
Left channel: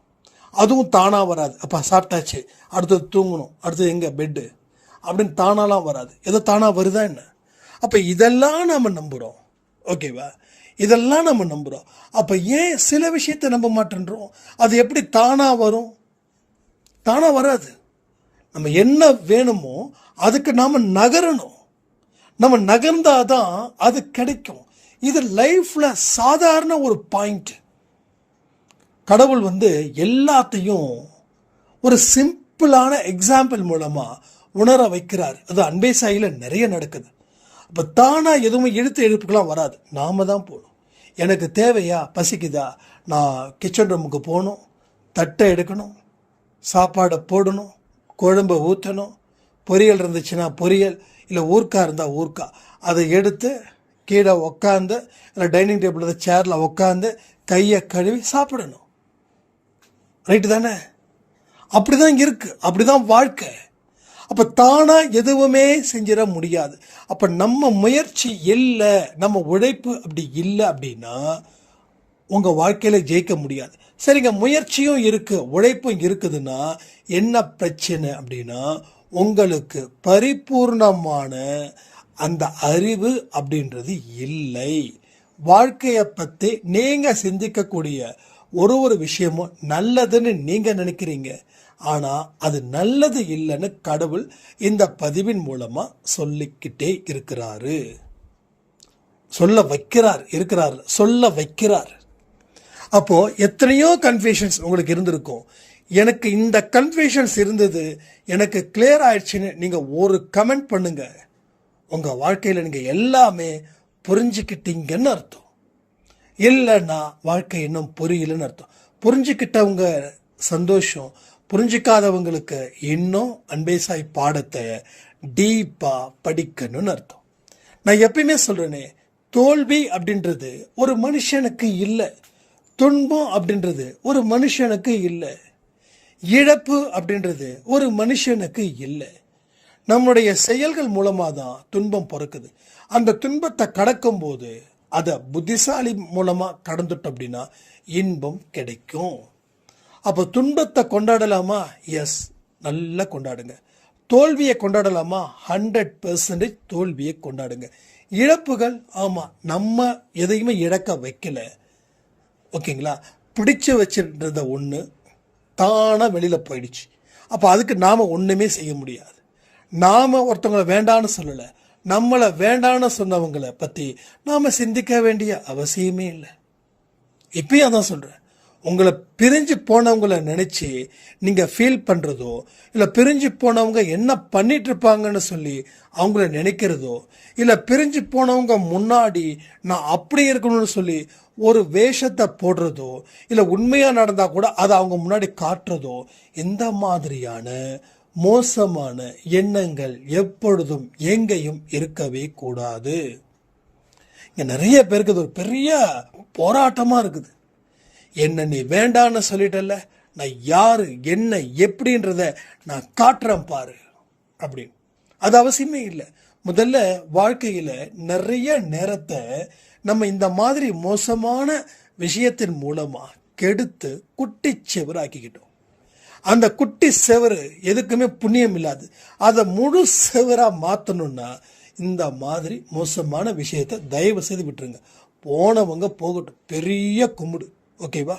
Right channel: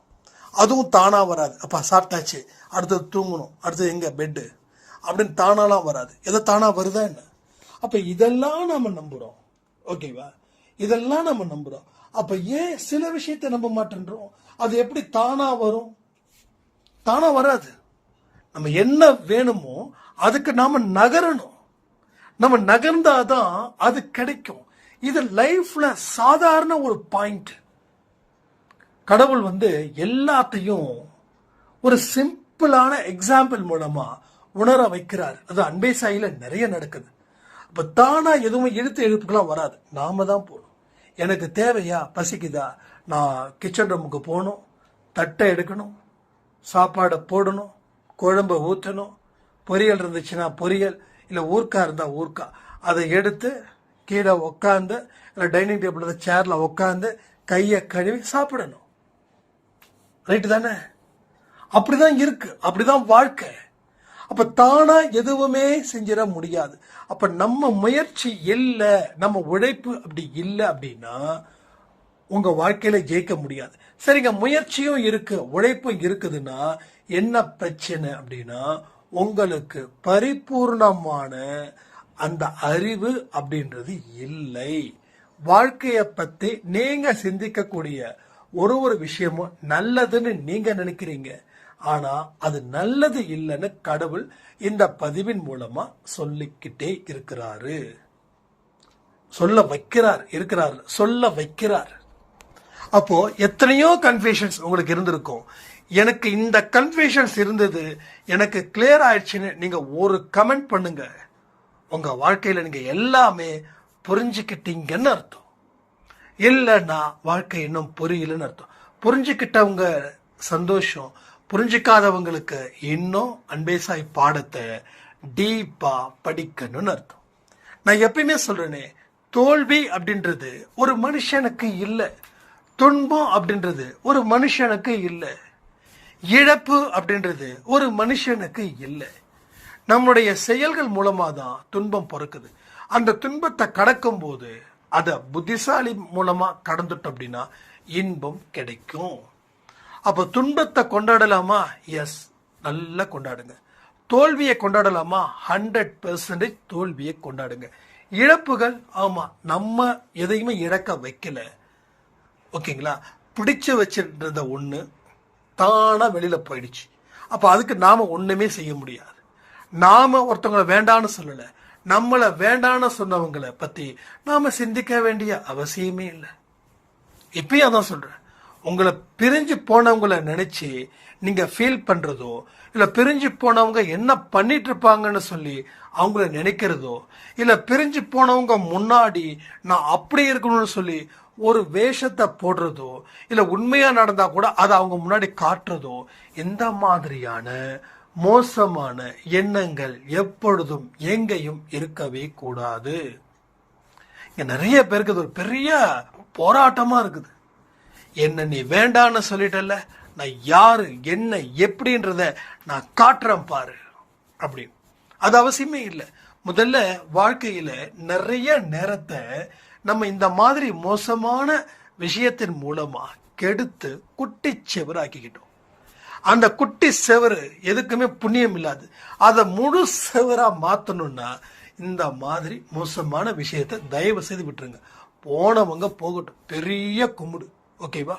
அதுவும் தானா வராது. அப்போ சாப்பிட்டாச்சு அடுத்தது தூங்கணும், அடுத்தது எங்க பெட்டு அப்படின்னு தானாலாம் வராது. எதோ தானா வருதா என்ன? அப்போ இதெல்லாம் நம்ம நம்புகிறோம். ஓகேவா? இதெல்லாம் நம்ம நம்புகிறோம். அப்போ ஏன் சில விஷயத்தை நம்ப மாட்டேன்றோம்? அது எப்படி தானா வரும்? தானா வராது. நம்ம என்ன வேணுமோ அதுக்கு நாம நகரணும். நம்ம நகர்ந்தாதான் அது கிடைக்கும். இது லைஃப்ல சாதாரண ஒரு பாயிண்ட். கடவுள் எல்லாத்தையும் ஒரு சிம்பிளான எக்ஸாம்பிள் மூலமா உணர வைக்கிறார். அது அன்பே சாயில நிறைய நடக்குது. அப்போ தானாக எதுவும் எழுப்புக்கெல்லாம் வராது, நாம தான் போகணும். எனக்கு தேவையா, பசிக்குதா, நான் கிச்சன் ரூமுக்கு போகணும், தட்டை எடுக்கணும், சாப்பாடை போடணும், குழம்பை ஊற்றணும், பொரியல் இருந்துச்சுன்னா பொரியல், இல்லை ஊர்க்கா இருந்தால் ஊர்க்கா, அதை எடுத்து கீழே உக்காந்து, இல்லை டைனிங் டேபிளில் சேரில் உக்காந்து கையை கழுவி சாப்பிடணும். ரைட்டு தானே? அப்படி தான் இருக்குது, அப்படி தான் வாழ்க்கை. அப்போ தானாக எதுவுமே செஞ்சிட முடியாது. அப்போ நம்ம முயற்சி இல்லை, நம்ம உழைப்பு அப்படி இல்லை அப்படின்னா உங்கள் வாழ்க்கையில் ஜெயிக்க முடியாது. சரிங்க, முயற்சியும் இருக்குது, உழைப்பும் இருக்குதுன்னா என்ன பிரச்சனை அப்படின்னா, உங்களுக்கு பரிபூர்ணமான அந்த அறிவு அப்படின்றது இல்லை. வாழ்க்கையை பற்றி நீங்கள் சிந்திக்கக்கூடிய ஒரு விஷயமும் நல்லதுன்னு நீங்கள் நினைக்கிறீங்க, ஆனால் அது நல்லது இல்லைன்னு கடவுள் இந்த பதிவின் மூலமாக சொல்லிக்கிட்டே இருக்கிறாரு, சொல்ல வைக்கிறார். அப்போ எத்தனையோ கன்ஃபியூஷன்ஸ் உங்களுக்கு இருந்திருக்கும். எனக்கு இந்த கன்ஃபியூஷன்ஸ் இருந்தது, எனக்கு கிளியர் ஆயிடுச்சுன்னு நீங்கள் ஒரு கமெண்ட் பண்ணுங்க. உங்கள் வாழ்க்கையில் நீங்கள் எல்லாமே புரிஞ்சுக்கிட்டீங்கன்னு அர்த்தம். இல்லைன்னா வாழ்க்கை இன்னும் புரியலன்னு அர்த்தம். புரிஞ்சுக்கிட்டவங்க சந்தோஷம், புரிஞ்சிக்காதவங்களுக்கு இன்னும் அன்பே சாய் பாடத்தை டீப்பாக படிக்கணும்னு அர்த்தம். நான் எப்பயுமே சொல்கிறேனே, தோல்வி அப்படின்றது ஒரு மனுஷனுக்கு இல்லை, துன்பம் அப்படின்றது ஒரு மனுஷனுக்கு இல்லை, இழப்பு அப்படின்றது ஒரு மனுஷனுக்கு இல்லை. நம்முடைய செயல்கள் மூலமாக தான் துன்பம் பிறக்குது. அந்த துன்பத்தை கடக்கும் போது அதை புத்திசாலி மூலமாக கடந்துட்டோம் அப்படின்னா இன்பம் கிடைக்கும். அப்போ துன்பத்தை கொண்டாடலாமா? எஸ், நல்லா கொண்டாடுங்க. தோல்வியை கொண்டாடலாமா? 100% தோல்வியை கொண்டாடுங்க. இழப்புகள், ஆமாம், நம்ம எதையுமே இழக்க வைக்கல, ஓகேங்களா? பிடிச்சு வச்சுருந்த ஒன்று தானாக வெளியில் போயிடுச்சு. அப்போ அதுக்கு நாம் ஒன்றுமே செய்ய முடியாது. நாம் ஒருத்தவங்களை வேண்டான்னு சொல்லலை, நம்மளை வேண்டான்னு சொன்னவங்களை பற்றி நாம் சிந்திக்க வேண்டிய அவசியமே இல்லை. இப்பயும் அதான் சொல்கிறேன், உங்களை பிரிஞ்சு போனவங்களை நினச்சி நீங்கள் ஃபீல் பண்ணுறதோ, இல்லை பிரிஞ்சு போனவங்க என்ன பண்ணிட்டு இருப்பாங்கன்னு சொல்லி அவங்கள நினைக்கிறதோ, இல்லை பிரிஞ்சு போனவங்க முன்னாடி நான் அப்படி இருக்கணும்னு சொல்லி ஒரு வேஷத்தை போடுறதோ, இல்லை உண்மையாக நடந்தால் கூட அதை அவங்க முன்னாடி காட்டுறதோ, இந்த மாதிரியான மோசமான எண்ணங்கள் எப்பொழுதும் எங்கேயும் இருக்கவே கூடாது. இங்கே நிறைய பேருக்கு இது ஒரு பெரிய போராட்டமாக இருக்குது. என்ன நீ வேண்டான்னு சொல்லிட்டல, நான் யாரு என்ன எப்படின்றத நான் காட்டுறேன் பாரு அப்படின்னு. அது அவசியமே இல்லை. முதல்ல வாழ்க்கையில் நிறைய நேரத்தை நம்ம இந்த மாதிரி மோசமான விஷயத்தின் மூலமாக கெடுத்து குட்டி செவராக்கிக்கிட்டோம். அந்த குட்டி செவரு எதுக்குமே புண்ணியம் இல்லாது. அதை முழு செவராக மாற்றணும்னா இந்த மாதிரி மோசமான விஷயத்தை தயவு செய்து விட்டுருங்க. போனவங்க போகட்டும், பெரிய கும்பிடு, ஓகேவா?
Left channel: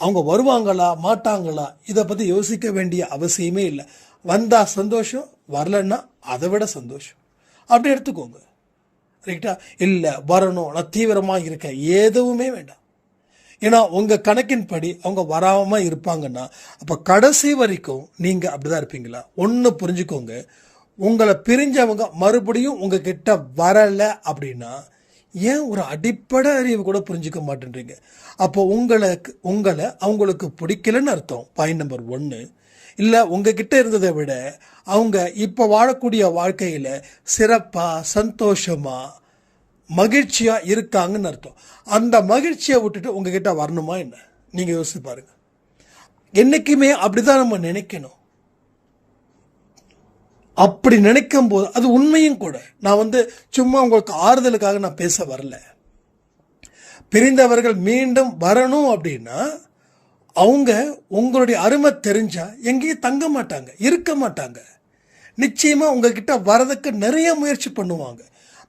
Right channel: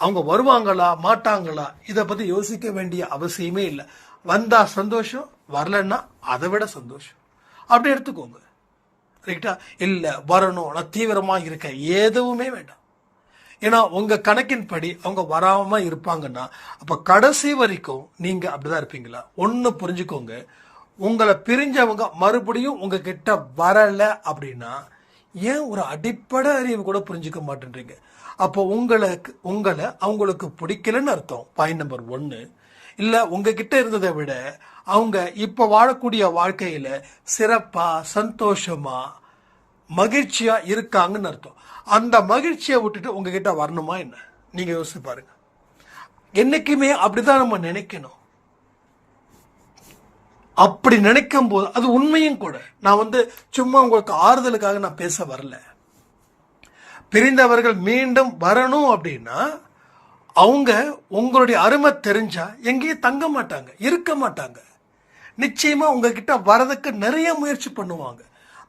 அவங்க வருவாங்களா மாட்டாங்களா இதை பற்றி யோசிக்க வேண்டிய அவசியமே இல்லை. வந்தால் சந்தோஷம், வரலன்னா அதை விட சந்தோஷம், அப்படி எடுத்துக்கோங்க. ரைட்டா? இல்லை வரணும், நான் தீவிரமாக இருக்கேன், எதுவுமே வேண்டாம். ஏன்னா உங்கள் கணக்கின் படி அவங்க வராமல் இருப்பாங்கன்னா அப்போ கடைசி வரைக்கும் நீங்கள் அப்படி தான் இருப்பீங்களா? ஒன்று புரிஞ்சுக்கோங்க, உங்களை பிரிஞ்சவங்க மறுபடியும் உங்ககிட்ட வரலை அப்படின்னா ஏன் ஒரு அடிப்படை அறிவு கூட புரிஞ்சிக்க மாட்டேன்றீங்க? அப்போ உங்களை அவங்களுக்கு பிடிக்கலன்னு அர்த்தம். Point number 1. இல்லை உங்ககிட்ட இருந்ததை விட அவங்க இப்போ வாழக்கூடிய வாழ்க்கையில் சிறப்பாக சந்தோஷமாக மகிழ்ச்சியாக இருக்காங்கன்னு அர்த்தம். அந்த மகிழ்ச்சியை விட்டுட்டு உங்ககிட்ட வரணுமா என்ன? நீங்கள் யோசிச்சு பாருங்க. என்றைக்குமே அப்படிதான் நம்ம நினைக்கணும். அப்படி நினைக்கும் போது அது உண்மையும் கூட. நான் சும்மா உங்களுக்கு ஆறுதலுக்காக நான் பேச வரல. பிரிந்தவர்கள் மீண்டும் வரணும் அப்படின்னா அவங்க உங்களுடைய அருமை தெரிஞ்சா எங்கேயும் தங்க மாட்டாங்க, இருக்க மாட்டாங்க. நிச்சயமா உங்ககிட்ட வரதுக்கு நிறைய முயற்சி பண்ணுவாங்க.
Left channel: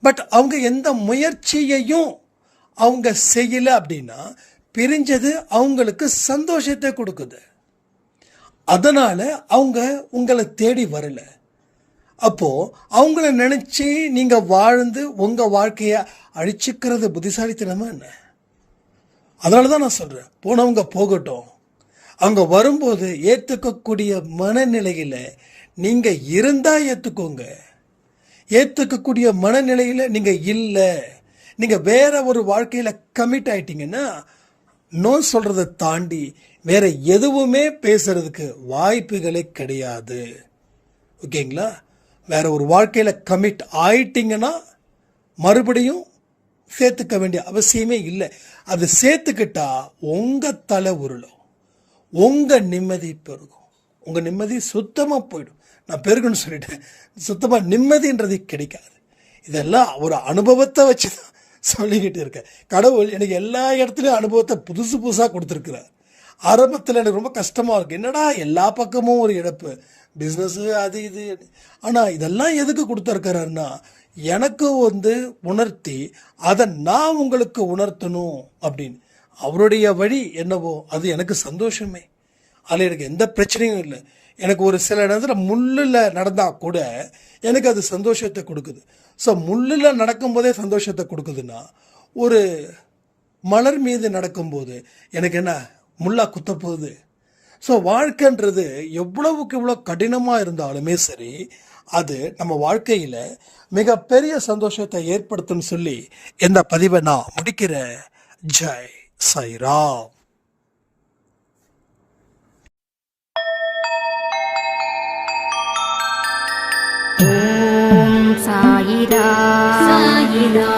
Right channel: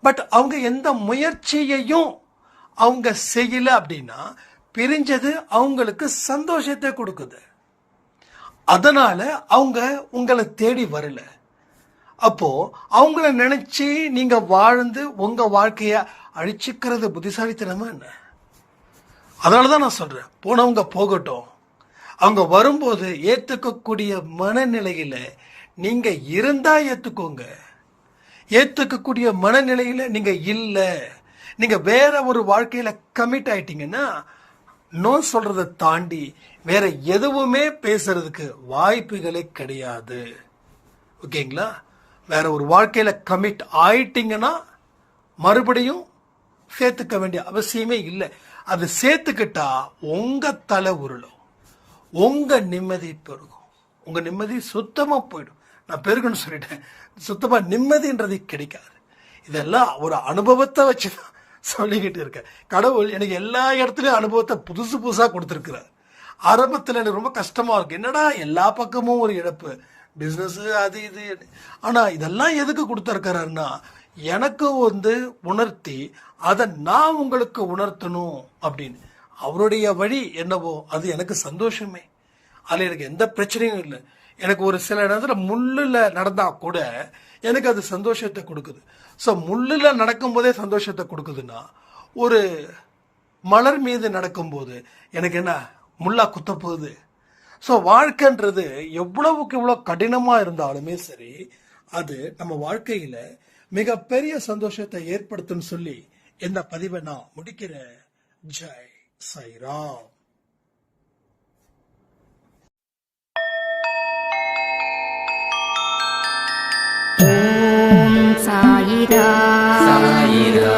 பட் அவங்க எந்த முயற்சியையும் அவங்க செய்யல அப்படின்னா பிரிஞ்சது அவங்களுக்கு சந்தோஷத்தை கொடுக்குது. அதனால அவங்க உங்களை தேடி வரல. அப்போ அவங்கள நினைச்சு நீங்க வாழ்ந்து உங்க வாழ்க்கைய அழிச்சுக்கிறது புத்திசாலித்தனமா என்ன? அதனாலதான் நான் சொல்றேன், போனவங்க போகட்டும். அவங்க வரும்போது ஏற்றுக்கக்கூடிய மனநிலையில நீங்க இருந்தா ஏத்துக்கோங்க. ஏத்துக்கக்கூடிய மனநிலையில நீங்க இல்ல, நீங்க வேற ஒரு வாழ்க்கையில கமிட் ஆயிட்டீங்கன்னா நோ சொல்றதை தாண்டி வேற எதுவுமே பேசுறதுக்கு வாய்ப்புகளே கிடையாது. ஓகேங்களா? வேற ஒரு வாழ்க்கையில கமிட் ஆயிட்டீங்கன்னா மறுபடியும் சேர்த்துக்க வேண்டிய அவசியமே இல்லை. அது சேர்த்துக்கிட்டா உங்க தலை உருளும், உங்க நிம்மதி பெருகும், உங்க நிம்மதி சுத்தமா போயிடும். நான் பெருகுன்னு சொல்லிட்டேன், சுத்தமா நிம்மதின்றது கிடைக்காது. இதெல்லாம் ஒரு அனுபவத்தை வச்சு தான் சொல்லிக்கிட்டு இருக்கேன். கடவுள் எனக்கு எல்லா இடத்துலையும் அனுபவத்தை புதுசு புதுசாக கொடுத்துருக்குறார். ஆரம்பத்தில் எனக்கு ரொம்ப கஷ்டமாக இருக்குது, என்னடா எல்லா பக்கமும் ஒரு இழப்பு, பிஸ்னஸ்ஸு அது இது. ஆனால் இதெல்லாம் எதுக்கு கொடுத்துருக்கிறாருன்னா எனக்கு உணர்த்தி அதை நான் உங்களுக்கு உணர்த்தணும் அப்படின்னு. அவருடைய வழி என்னவோ அது எனக்கு சந்தோஷமே. அதில் எனக்கு எந்த பிரச்சனையும் இல்லை. எனக்கு ஒரு சில நேரத்தில் முள்ளில் நடந்தால் கூட எனக்கு அது சந்தோஷத்தை கொடுக்குது. ஸோ முள்ளில் நடக்கும்போதே சந்தோஷத்தை கொடுக்குதுன்னா ஒரு மலர் மீது நடக்கும்போது எனக்கு என்ன முள்ளா குத்த போகுது? ஸோ வாழ்க்கைன்றது எவ்வளவுக்கு எவ்வளோ கடினமாக இருந்தாலுமே சரி, அது நம்ம வாழ்க்கையில் மிகப்பெரிய சந்தோஷத்தை ஏற்படுத்தும்னு சொல்லி இந்த பதிவை நான் முடிக்கிறேன். ஜெய் சாய்ராம். ஓம் சாயிரா சாயிரா.